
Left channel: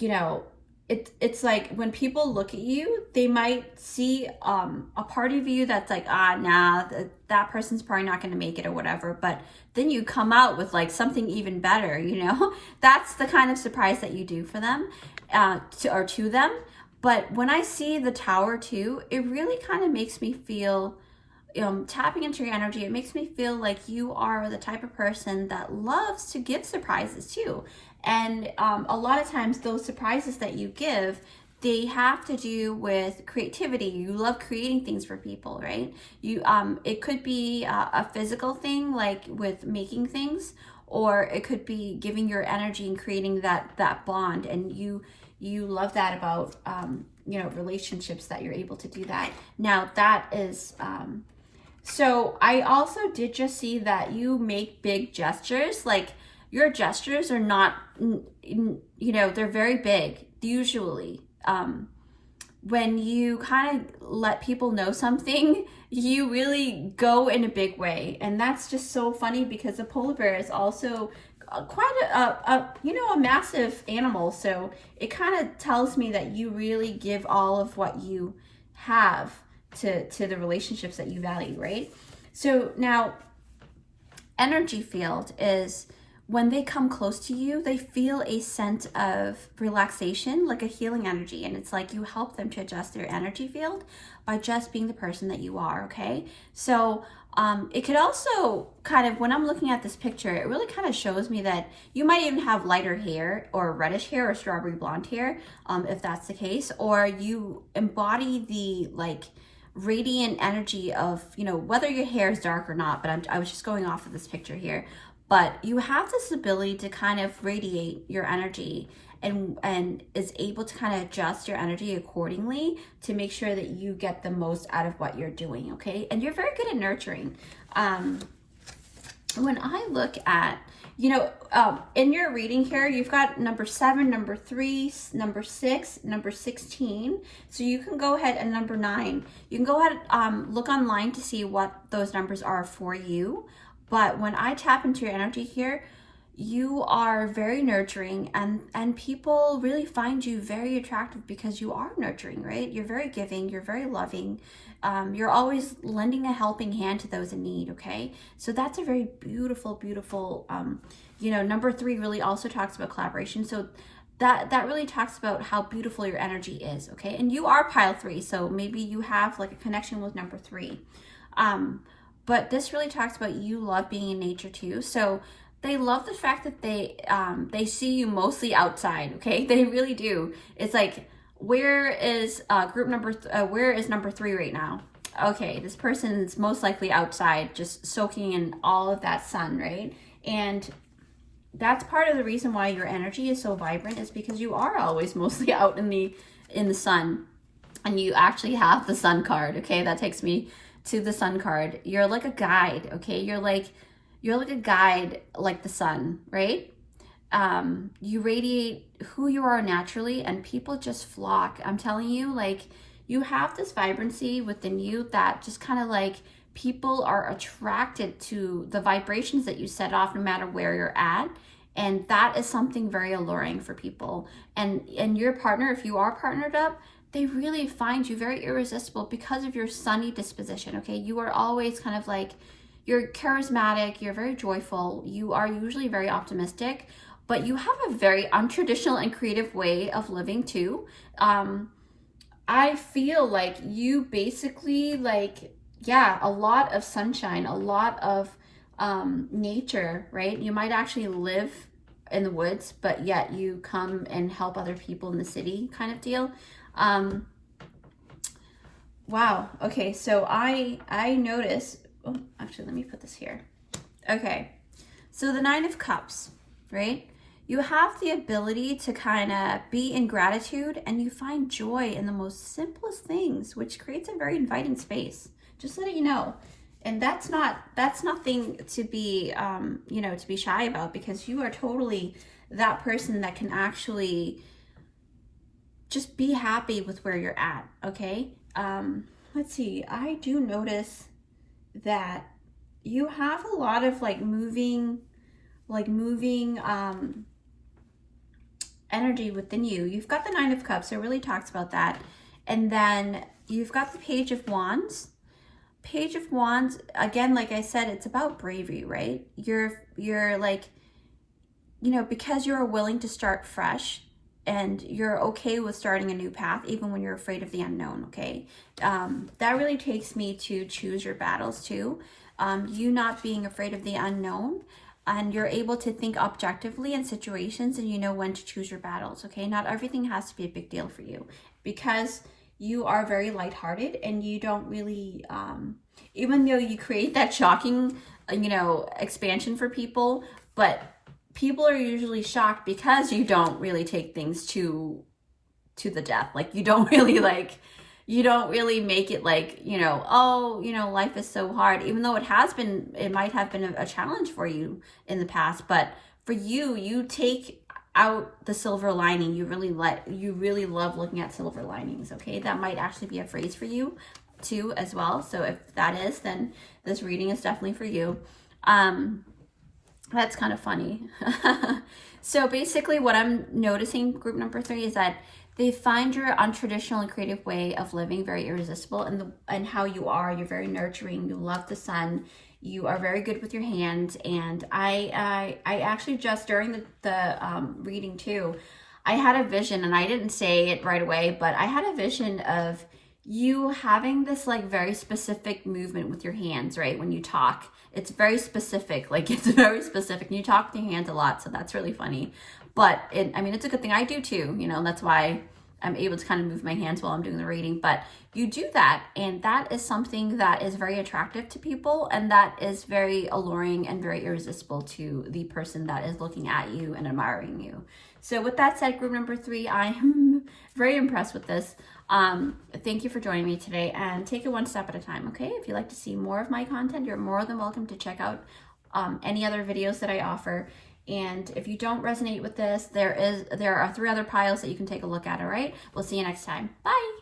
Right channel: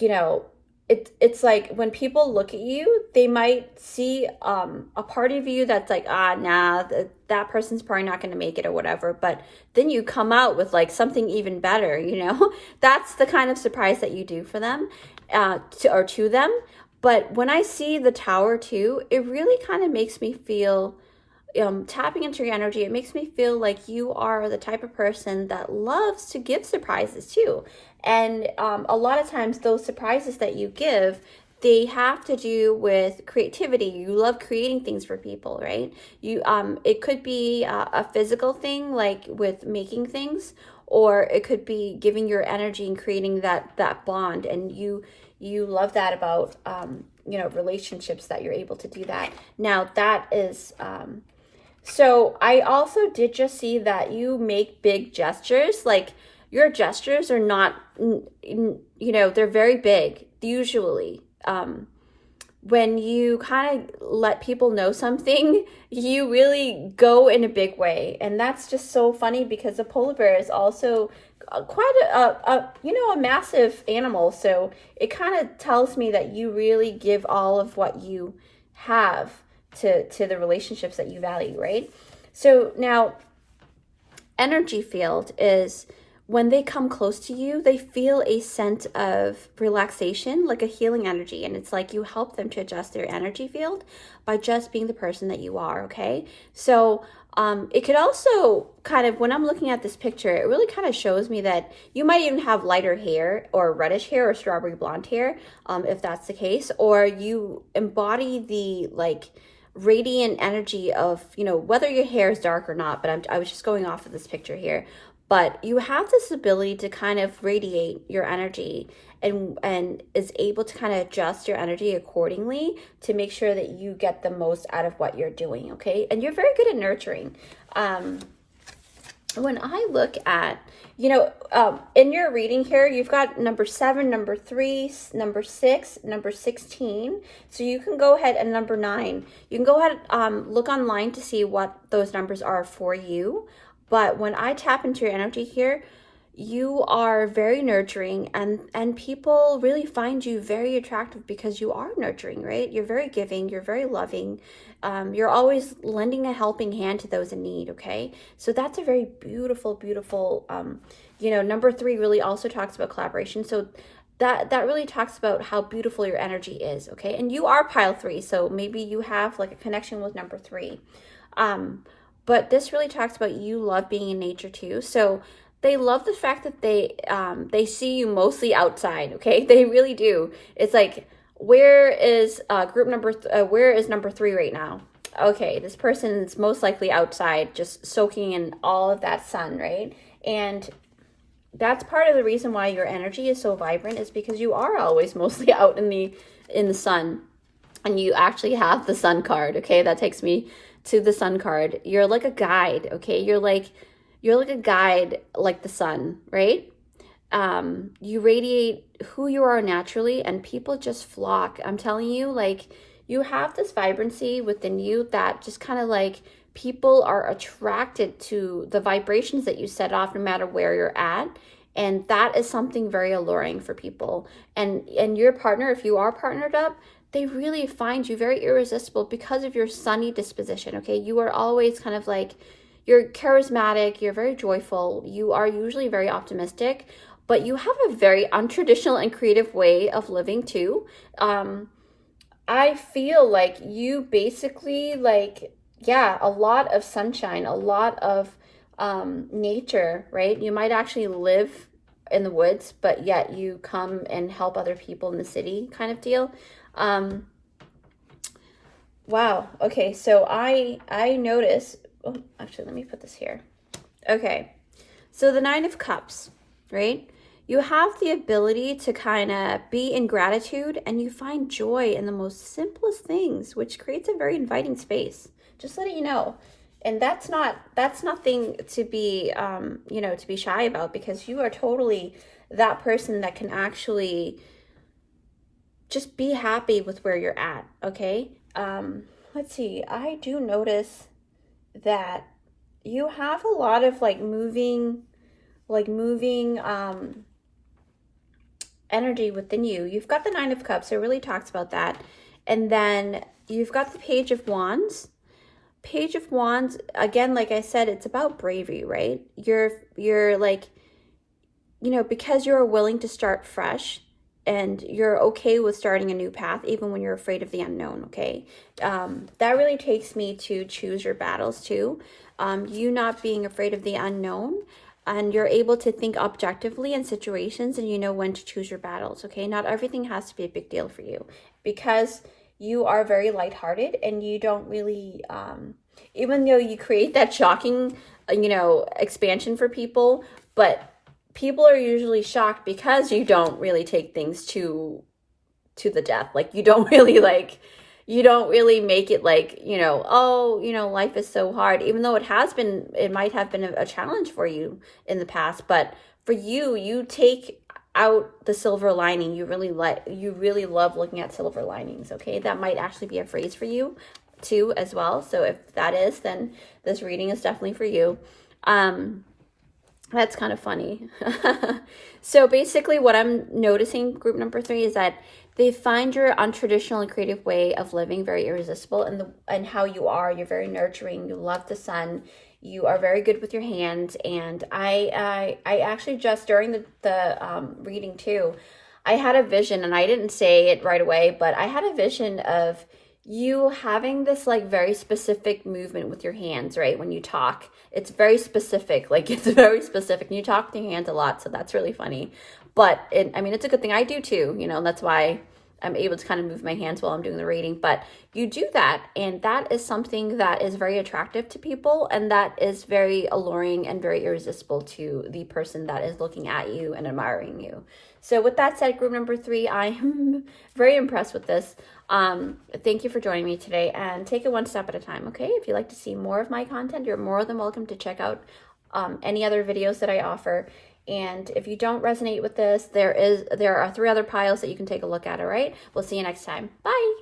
you know, it's like when people look at you, they might see a part of you that's like, nah, that person's probably not going to make it or whatever. But then you come out with like something even better, you know? That's the kind of surprise that you do for them, to them. But when I see the Tower too, it really kind of makes me feel, tapping into your energy, it makes me feel like you are the type of person that loves to give surprises too. And a lot of times those surprises that you give, they have to do with creativity. You love creating things for people, right? It could be a physical thing, like with making things, or it could be giving your energy and creating that bond. And you love that about, you know, relationships, that you're able to do that. Now that is, so I also did just see that you make big gestures. Like your gestures are not, you know, they're very big usually. When you kind of let people know something, you really go in a big way. And that's just so funny, because the polar bear is also quite a massive animal. So it kind of tells me that you really give all of what you have to the relationships that you value, right? So now, energy field is when they come close to you, they feel a sense of relaxation, like a healing energy. And it's like you help them to adjust their energy field by just being the person that you are, okay? So it could also kind of, when I'm looking at this picture, it really kind of shows me that you might even have lighter hair or reddish hair or strawberry blonde hair, if that's the case, or you embody the like radiant energy of, you know, whether your hair is dark or not, but I was just going off of this picture here. But you have this ability to kind of radiate your energy and is able to kind of adjust your energy accordingly to make sure that you get the most out of what you're doing, okay? And you're very good at nurturing. When I look at, you know, in your reading here, you've got number 7, number 3, number 6, number 16. So you can go ahead, and number 9. You can go ahead, look online to see what those numbers are for you. But when I tap into your energy here, you are very nurturing, and people really find you very attractive because you are nurturing, right? You're very giving, you're very loving. You're always lending a helping hand to those in need, okay? So that's a very beautiful, beautiful, you know, number 3 really also talks about collaboration. So that really talks about how beautiful your energy is, okay? And you are pile 3, so maybe you have like a connection with number 3. But this really talks about you love being in nature too. So they love the fact that they see you mostly outside, okay? They really do. It's like, where is where is number 3 right now? Okay, this person is most likely outside, just soaking in all of that sun, right? And that's part of the reason why your energy is so vibrant, is because you are always mostly out in the sun. And you actually have the sun card, okay? That takes me to the sun card. You're like a guide, okay? You're like a guide, like the sun, right? You radiate who you are naturally, and people just flock. I'm telling you, like, you have this vibrancy within you that just kind of like, people are attracted to the vibrations that you set off no matter where you're at. And that is something very alluring for people. And your partner, if you are partnered up, they really find you very irresistible because of your sunny disposition, okay? You are always kind of like, you're charismatic, you're very joyful, you are usually very optimistic, but you have a very untraditional and creative way of living too. I feel like you basically like, yeah, a lot of sunshine, a lot of nature, right? You might actually live in the woods, but yet you come and help other people in the city kind of deal. Wow. Okay. So I notice, oh, actually, let me put this here. Okay. So the 9 of Cups, right? You have the ability to kind of be in gratitude, and you find joy in the most simplest things, which creates a very inviting space. Just letting you know. And that's nothing to be, you know, to be shy about, because you are totally that person that can actually just be happy with where you're at. Okay. Let's see. I do notice that you have a lot of like moving energy within you. You've got the 9 of Cups, so it really talks about that. And then you've got the Page of Wands. Page of Wands, again, like I said, it's about bravery, right? You're like, you know, because you're willing to start fresh, and you're okay with starting a new path, even when you're afraid of the unknown, okay? That really takes me to choose your battles too. You not being afraid of the unknown, and you're able to think objectively in situations, and you know when to choose your battles, okay? Not everything has to be a big deal for you, because you are very lighthearted, and you don't really, even though you create that shocking, you know, expansion for people, but people are usually shocked because you don't really take things to the death. Like, you don't really make it like, you know, oh, you know, life is so hard, even though it might have been a challenge for you in the past. But for you, you take out the silver lining. You really love looking at silver linings, okay? That might actually be a phrase for you too as well. So if that is, then this reading is definitely for you. That's kind of funny. So basically what I'm noticing, group number 3, is that they find your untraditional and creative way of living very irresistible, and how you are. You're very nurturing. You love the sun. You are very good with your hands. And I actually, just during the reading too, I had a vision, and I didn't say it right away, but I had a vision of you having this like very specific movement with your hands, right? When you talk, it's very specific, like it's very specific. And you talk with your hands a lot, so that's really funny. But I mean, it's a good thing. I do too, you know, that's why I'm able to kind of move my hands while I'm doing the reading. But you do that, and that is something that is very attractive to people, and that is very alluring and very irresistible to the person that is looking at you and admiring you. So with that said, group number 3, I am very impressed with this. Thank you for joining me today, and take it one step at a time, okay? If you'd like to see more of my content, you're more than welcome to check out any other videos that I offer. And if you don't resonate with this, there are 3 other piles that you can take a look at, all right? We'll see you next time. Bye.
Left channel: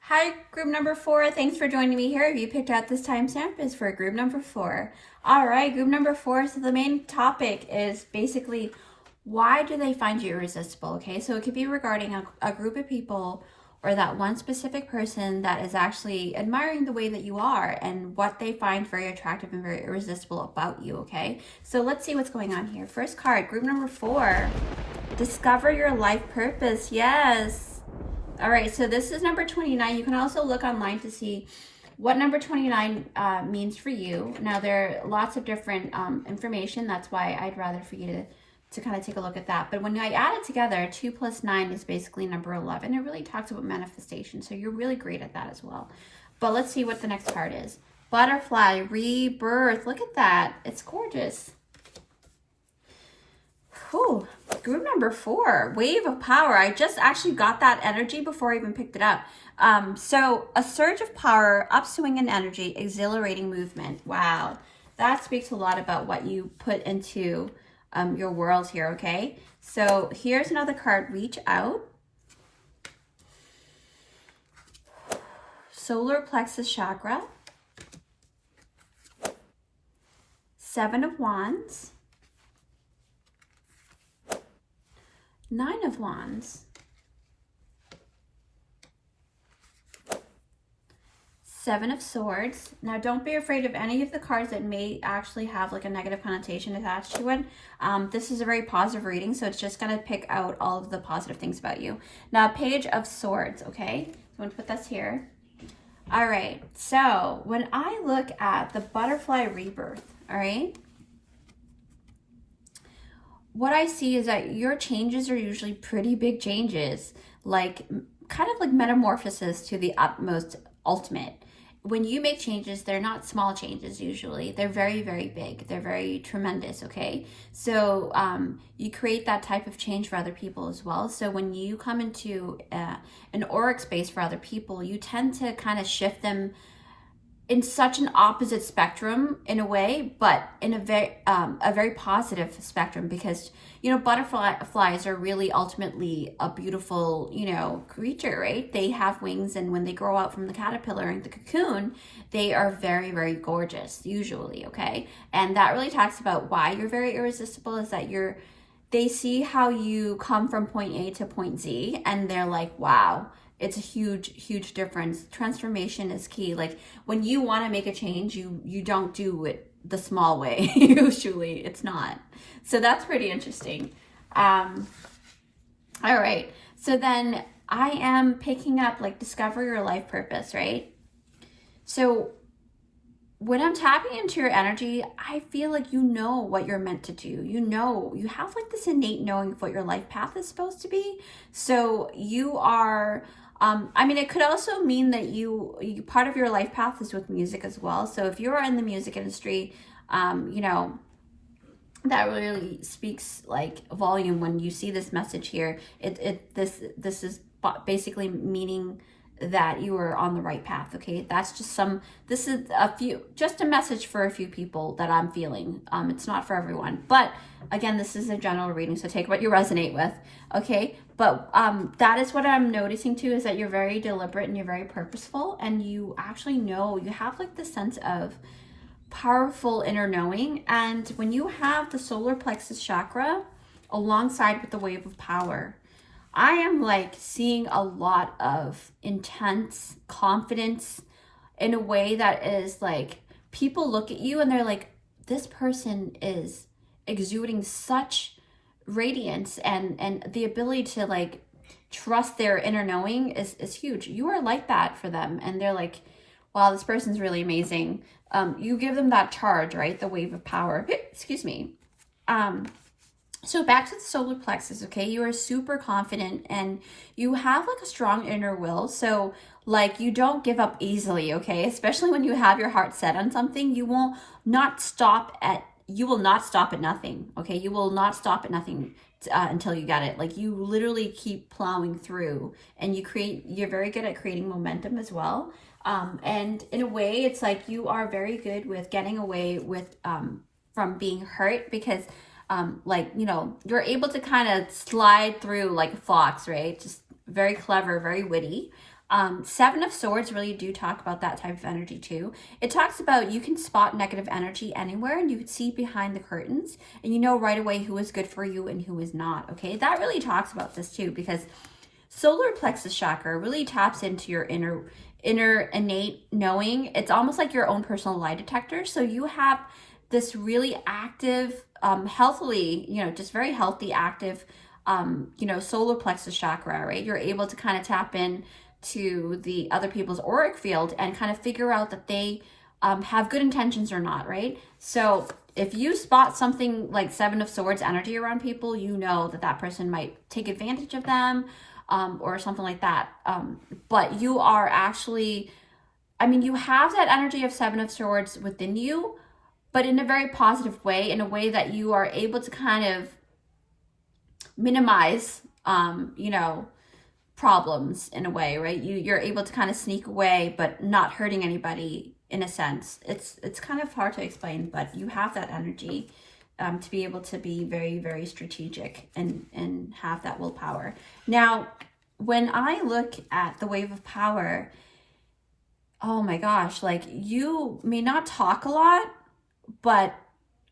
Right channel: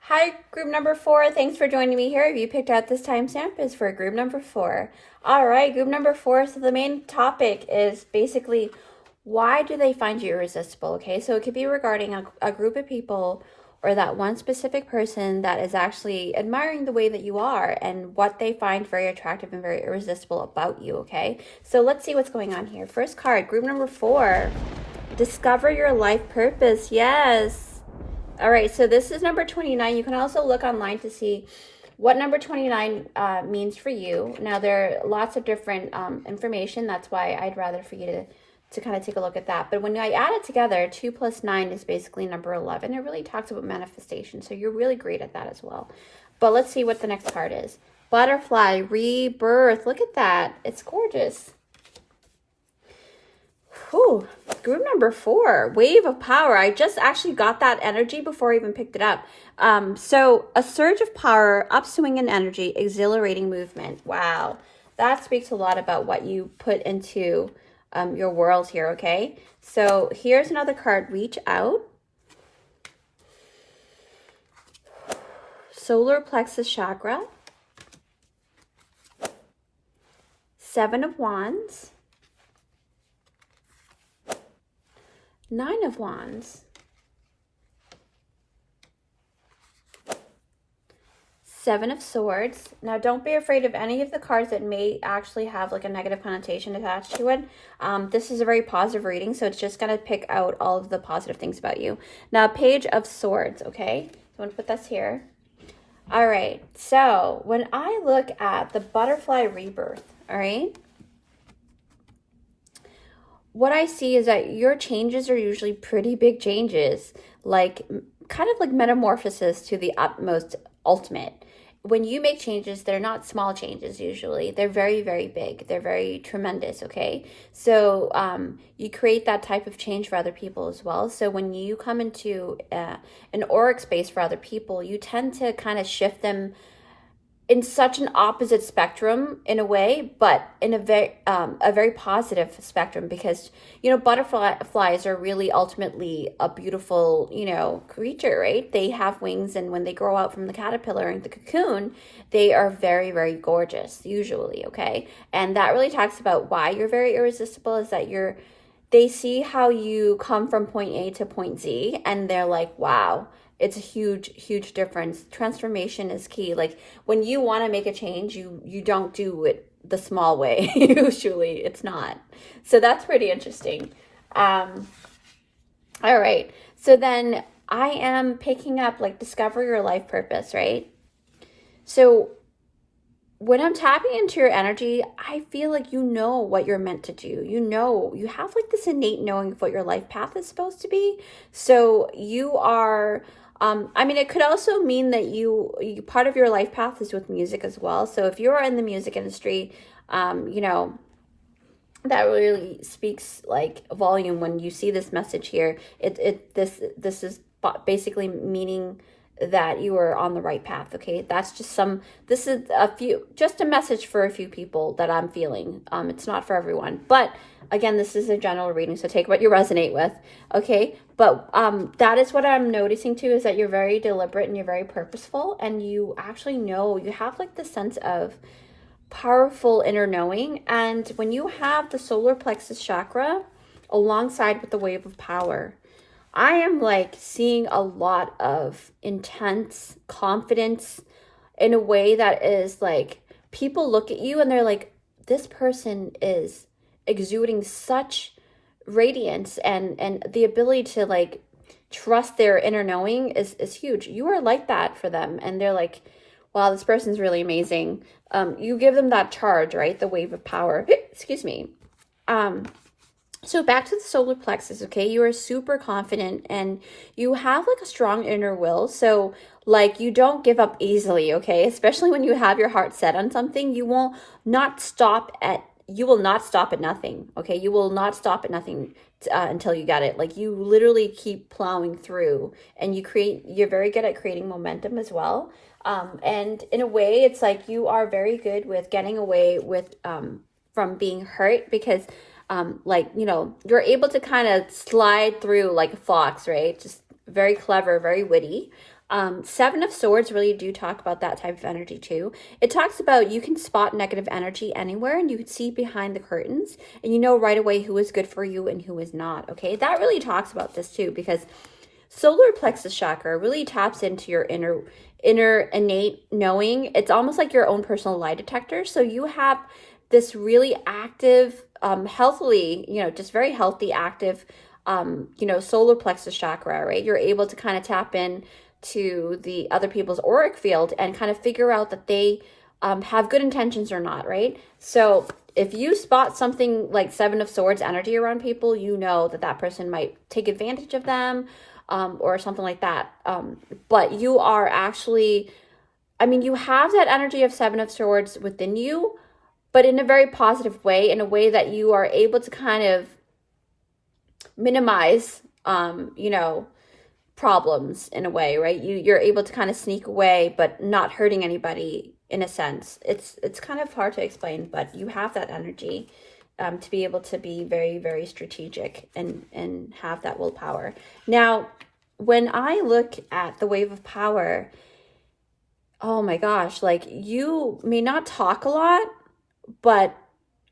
Hi, group number 4. Thanks for joining me here. If you picked out this timestamp, is for group number 4. All right, group number 4. So the main topic is basically, why do they find you irresistible, okay? So it could be regarding a group of people, or that one specific person that is actually admiring the way that you are, and what they find very attractive and very irresistible about you, okay? So let's see what's going on here. First card, group number 4, discover your life purpose. Yes. All right, so this is number 29. You can also look online to see what number 29 means for you. Now, there are lots of different information. That's why I'd rather for you to kind of take a look at that. But when I add it together, 2 plus 9 is basically number 11. It really talks about manifestation, so you're really great at that as well. But let's see what the next card is. Butterfly, rebirth. Look at that. It's gorgeous. Whew. Group number 4, wave of power. I just actually got that energy before I even picked it up. So a surge of power, upswing in energy, exhilarating movement. Wow. That speaks a lot about what you put into your world here, okay? So here's another card, reach out. Solar plexus chakra. 7 of Wands. 9 of Wands. 7 of Swords. Now, don't be afraid of any of the cards that may actually have like a negative connotation attached to it. This is a very positive reading, so it's just going to pick out all of the positive things about you. Now, Page of Swords, okay? So I'm going to put this here. All right, so when I look at the butterfly rebirth, all right, what I see is that your changes are usually pretty big changes, like kind of like metamorphosis to the utmost ultimate. When you make changes, they're not small changes usually. They're very, very big. They're very tremendous, okay? So you create that type of change for other people as well. So when you come into an auric space for other people, you tend to kind of shift them in such an opposite spectrum in a way, but in a very positive spectrum, because, you know, butterflies are really ultimately a beautiful, you know, creature, right? They have wings, and when they grow out from the caterpillar and the cocoon, they are very, very gorgeous usually, okay? And that really talks about why you're very irresistible, is that they see how you come from point A to point Z, and they're like, wow, it's a huge, huge difference. Transformation is key. Like when you want to make a change, you don't do it the small way. Usually it's not. So that's pretty interesting. All right. So then I am picking up like discover your life purpose, right? So when I'm tapping into your energy, I feel like you know what you're meant to do. You know, you have like this innate knowing of what your life path is supposed to be. So you are, I mean, it could also mean that you part of your life path is with music as well. So if you're in the music industry, you know, that really speaks like volume when you see this message here. This is basically meaning that you are on the right path, okay? That's just this is just a message for a few people that I'm feeling. It's not for everyone, but again, this is a general reading, so take what you resonate with, okay? But that is what I'm noticing too, is that you're very deliberate and you're very purposeful, and you actually know, you have like the sense of powerful inner knowing. And when you have the solar plexus chakra alongside with the wave of power, I am like seeing a lot of intense confidence in a way that is like, people look at you and they're like, this person is exuding such radiance, and the ability to like trust their inner knowing is huge. You are like that for them, and they're like, wow, this person's really amazing. You give them that charge, right? The wave of power. Excuse me. So back to the solar plexus, okay? You are super confident and you have like a strong inner will. So like you don't give up easily, okay? Especially when you have your heart set on something, you will not stop at nothing, okay? You will not stop at nothing until you get it. Like you literally keep plowing through, and you're very good at creating momentum as well. And in a way, it's like you are very good with getting away with from being hurt, because like, you know, you're able to kind of slide through like a fox, right? Just very clever, very witty. 7 of Swords really do talk about that type of energy too. It talks about you can spot negative energy anywhere, and you can see behind the curtains, and you know right away who is good for you and who is not, okay? That really talks about this too, because solar plexus chakra really taps into your inner innate knowing. It's almost like your own personal lie detector. So you have this really active, healthily, you know, just very healthy, active, you know, solar plexus chakra, right? You're able to kind of tap in to the other people's auric field and kind of figure out that they have good intentions or not, right? So if you spot something like 7 of Swords energy around people, you know that that person might take advantage of them, or something like that. But you are actually, I mean, you have that energy of 7 of Swords within you, but in a very positive way, in a way that you are able to kind of minimize, you know, problems in a way, right? You're able to kind of sneak away, but not hurting anybody in a sense. It's kind of hard to explain, but you have that energy to be able to be very, very strategic and have that willpower. Now, when I look at the wave of power, oh my gosh, like you may not talk a lot, but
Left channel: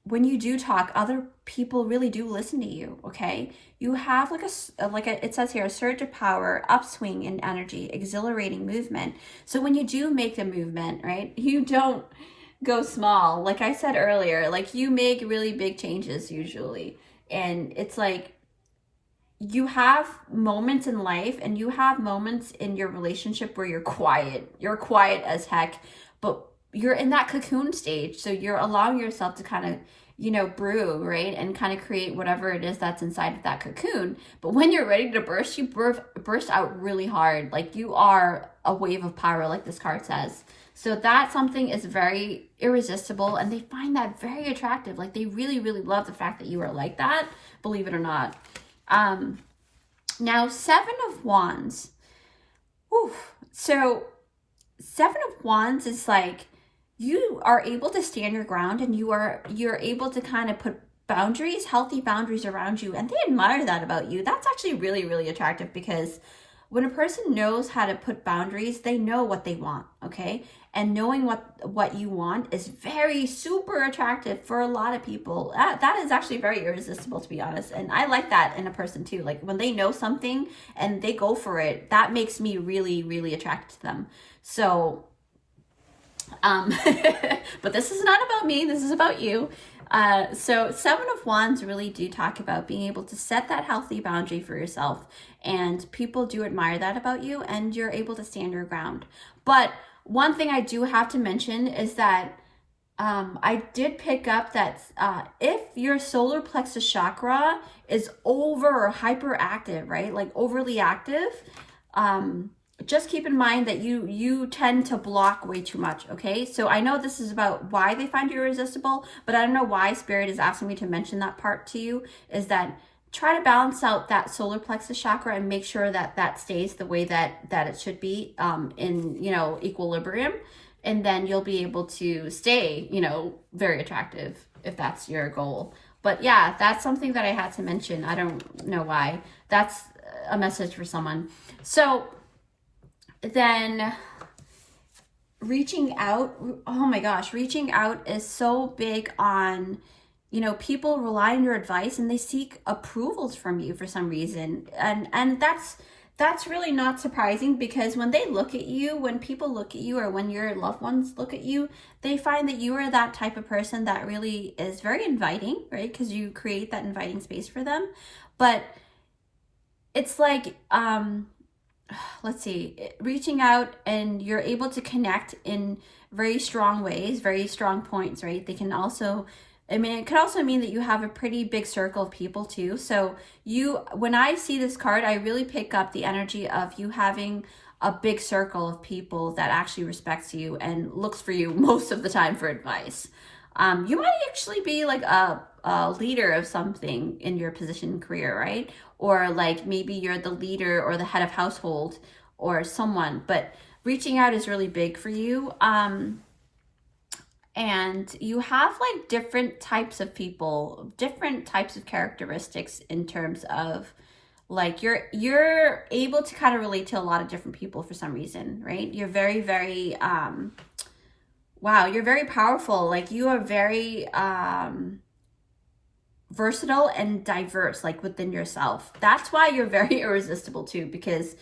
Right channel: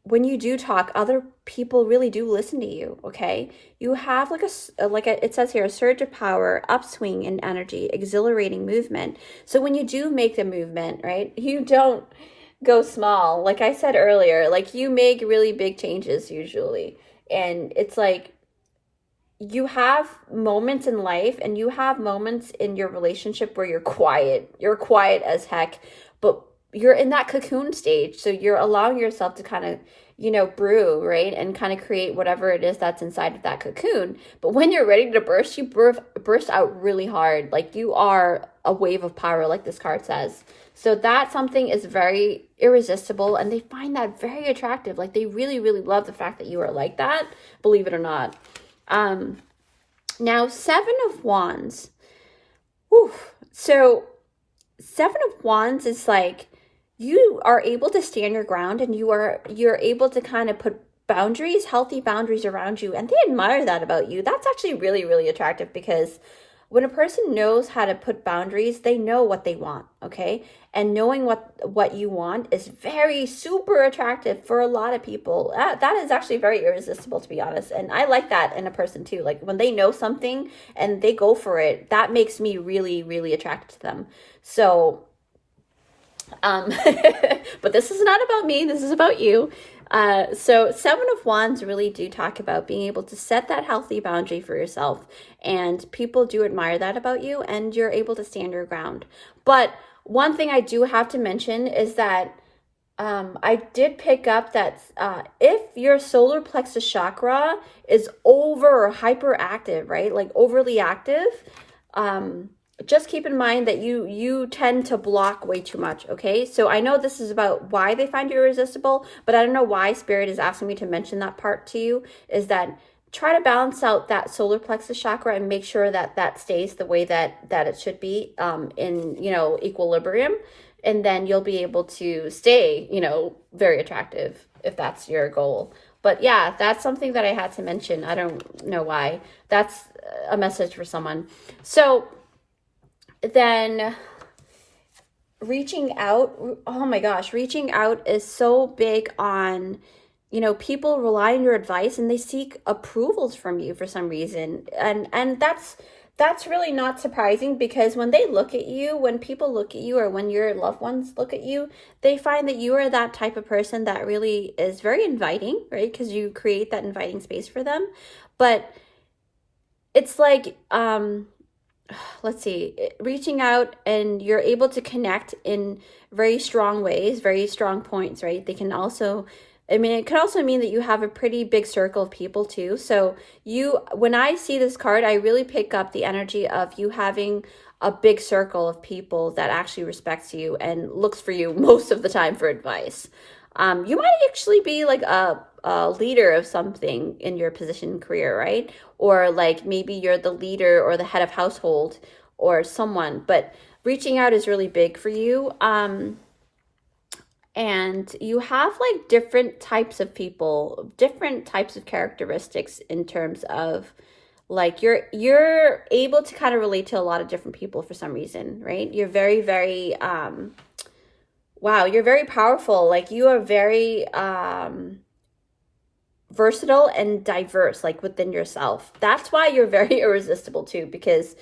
when you do talk, other people really do listen to you, okay? You have it says here, a surge of power, upswing in energy, exhilarating movement. So when you do make the movement, right, you don't go small. Like I said earlier, like you make really big changes usually. And it's like you have moments in life and you have moments in your relationship where you're quiet. You're quiet as heck, but you're in that cocoon stage. So you're allowing yourself to kind of, you know, brew, right? And kind of create whatever it is that's inside of that cocoon. But when you're ready to burst, you burst out really hard. Like you are a wave of power, like this card says. So that something is very irresistible, and they find that very attractive. Like they really, really love the fact that you are like that, believe it or not. Now, Seven of Wands. Whew. So Seven of Wands is like, you are able to stand your ground, and you're able to kind of put boundaries, healthy boundaries around you, and they admire that about you. That's actually really, really attractive, because when a person knows how to put boundaries, they know what they want, okay? And knowing what you want is very super attractive for a lot of people. That is actually very irresistible, to be honest. And I like that in a person too. Like when they know something and they go for it, that makes me really, really attracted to them. So, but this is not about me. This is about you. So Seven of Wands really do talk about being able to set that healthy boundary for yourself, and people do admire that about you, and you're able to stand your ground. But one thing I do have to mention is that I did pick up that if your solar plexus chakra is over or hyperactive, right, like overly active, just keep in mind that you tend to block way too much, okay? So I know this is about why they find you irresistible, but I don't know why Spirit is asking me to mention that part to you, is that try to balance out that solar plexus chakra and make sure that that stays the way that it should be in, you know, equilibrium. And then you'll be able to stay, you know, very attractive if that's your goal. But yeah, that's something that I had to mention. I don't know why. That's a message for someone. So then reaching out, oh my gosh, reaching out is so big on, you know, people rely on your advice and they seek approvals from you for some reason. And that's really not surprising, because when they look at you, when people look at you, or when your loved ones look at you, they find that you are that type of person that really is very inviting, right? Because you create that inviting space for them. But it's like, let's see, reaching out, and you're able to connect in very strong ways, very strong points, right? They can also, I mean, it could also mean that you have a pretty big circle of people too. So when I see this card, I really pick up the energy of you having a big circle of people that actually respects you and looks for you most of the time for advice. You might actually be like a leader of something in your position and career, right? Or like maybe you're the leader or the head of household or someone, but reaching out is really big for you. And you have like different types of people, different types of characteristics in terms of like you're able to kind of relate to a lot of different people for some reason, right? You're very, very, wow, you're very powerful. Like you are very, versatile and diverse, like within yourself. That's why you're very irresistible too, because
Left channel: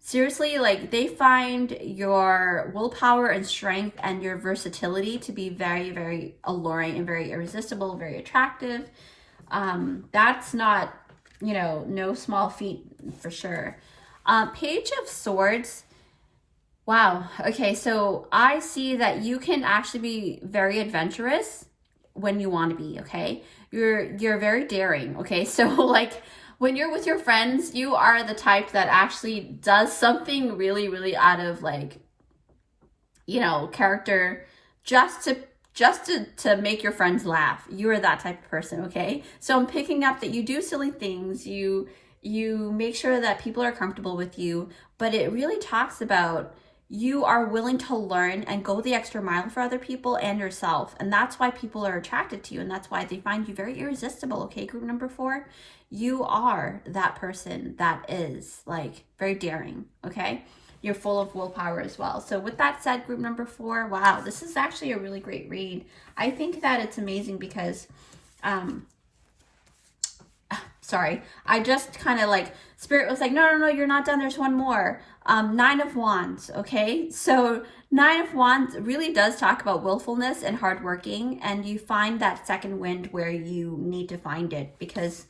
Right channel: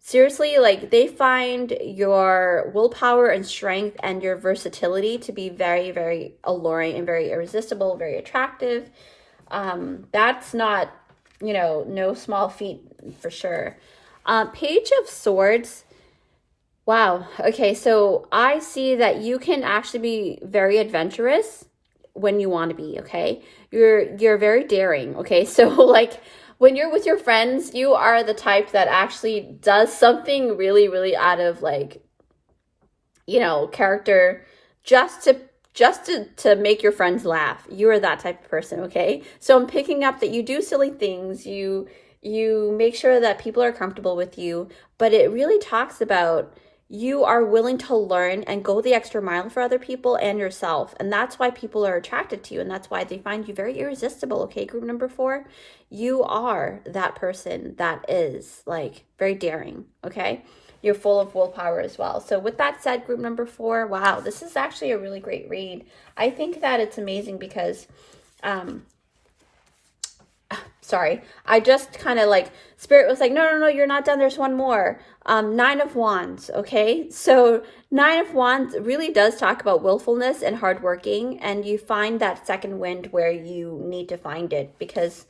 seriously, like they find your willpower and strength and your versatility to be very, very alluring and very irresistible, very attractive. That's not, you know, no small feat for sure. Page of Swords. Wow. Okay, so I see that you can actually be very adventurous when you want to be, okay? You're very daring, okay? So like when you're with your friends, you are the type that actually does something really, really out of like, you know, character, just just to make your friends laugh. You are that type of person, okay? So I'm picking up that you do silly things. You make sure that people are comfortable with you, but it really talks about you are willing to learn and go the extra mile for other people and yourself. And that's why people are attracted to you. And that's why they find you very irresistible. Okay, group number 4, you are that person that is like very daring. Okay, you're full of willpower as well. So with that said, group number 4, wow, this is actually a really great read. I think that it's amazing because, sorry, I just kind of like, Spirit was like, no, you're not done. There's one more. 9 of Wands, okay? So 9 of Wands really does talk about willfulness and hardworking, and you find that second wind where you need to find it, because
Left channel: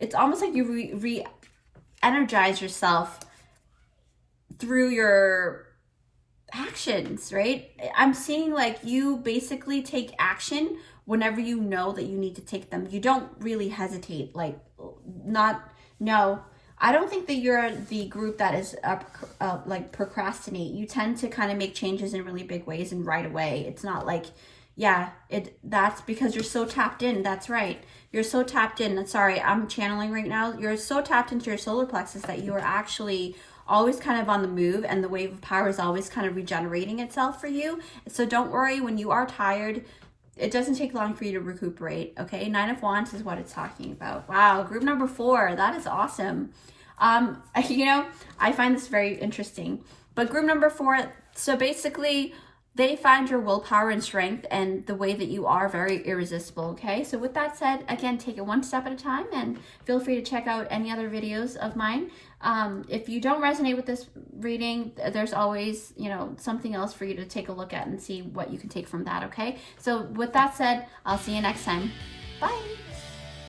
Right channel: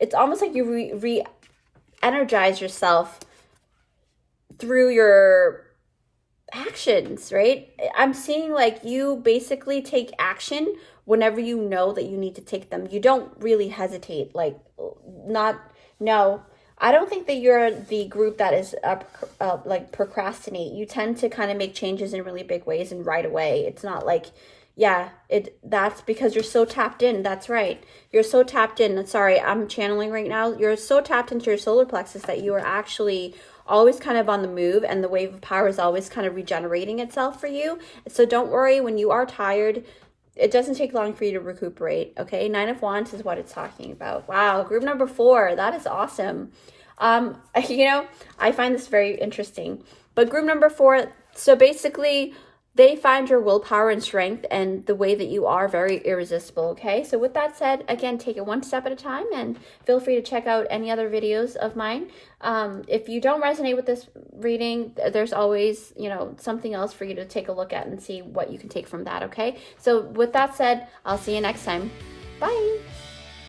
it's almost like you re-energize yourself through your actions, right? I'm seeing like you basically take action whenever you know that you need to take them. You don't really hesitate, like no. I don't think that you're the group that is like procrastinate. You tend to kind of make changes in really big ways and right away. It's not like, yeah, that's because you're so tapped in. That's right. You're so tapped in. Sorry, I'm channeling right now. You're so tapped into your solar plexus that you are actually always kind of on the move, and the wave of power is always kind of regenerating itself for you. So don't worry when you are tired. It doesn't take long for you to recuperate, okay? 9 of Wands is what it's talking about. Wow, group number 4, that is awesome. You know, I find this very interesting. But group number 4, so basically, they find your willpower and strength and the way that you are very irresistible, okay? So with that said, again, take it one step at a time, and feel free to check out any other videos of mine. If you don't resonate with this reading, there's always, you know, something else for you to take a look at and see what you can take from that, okay? So with that said, I'll see you next time. Bye!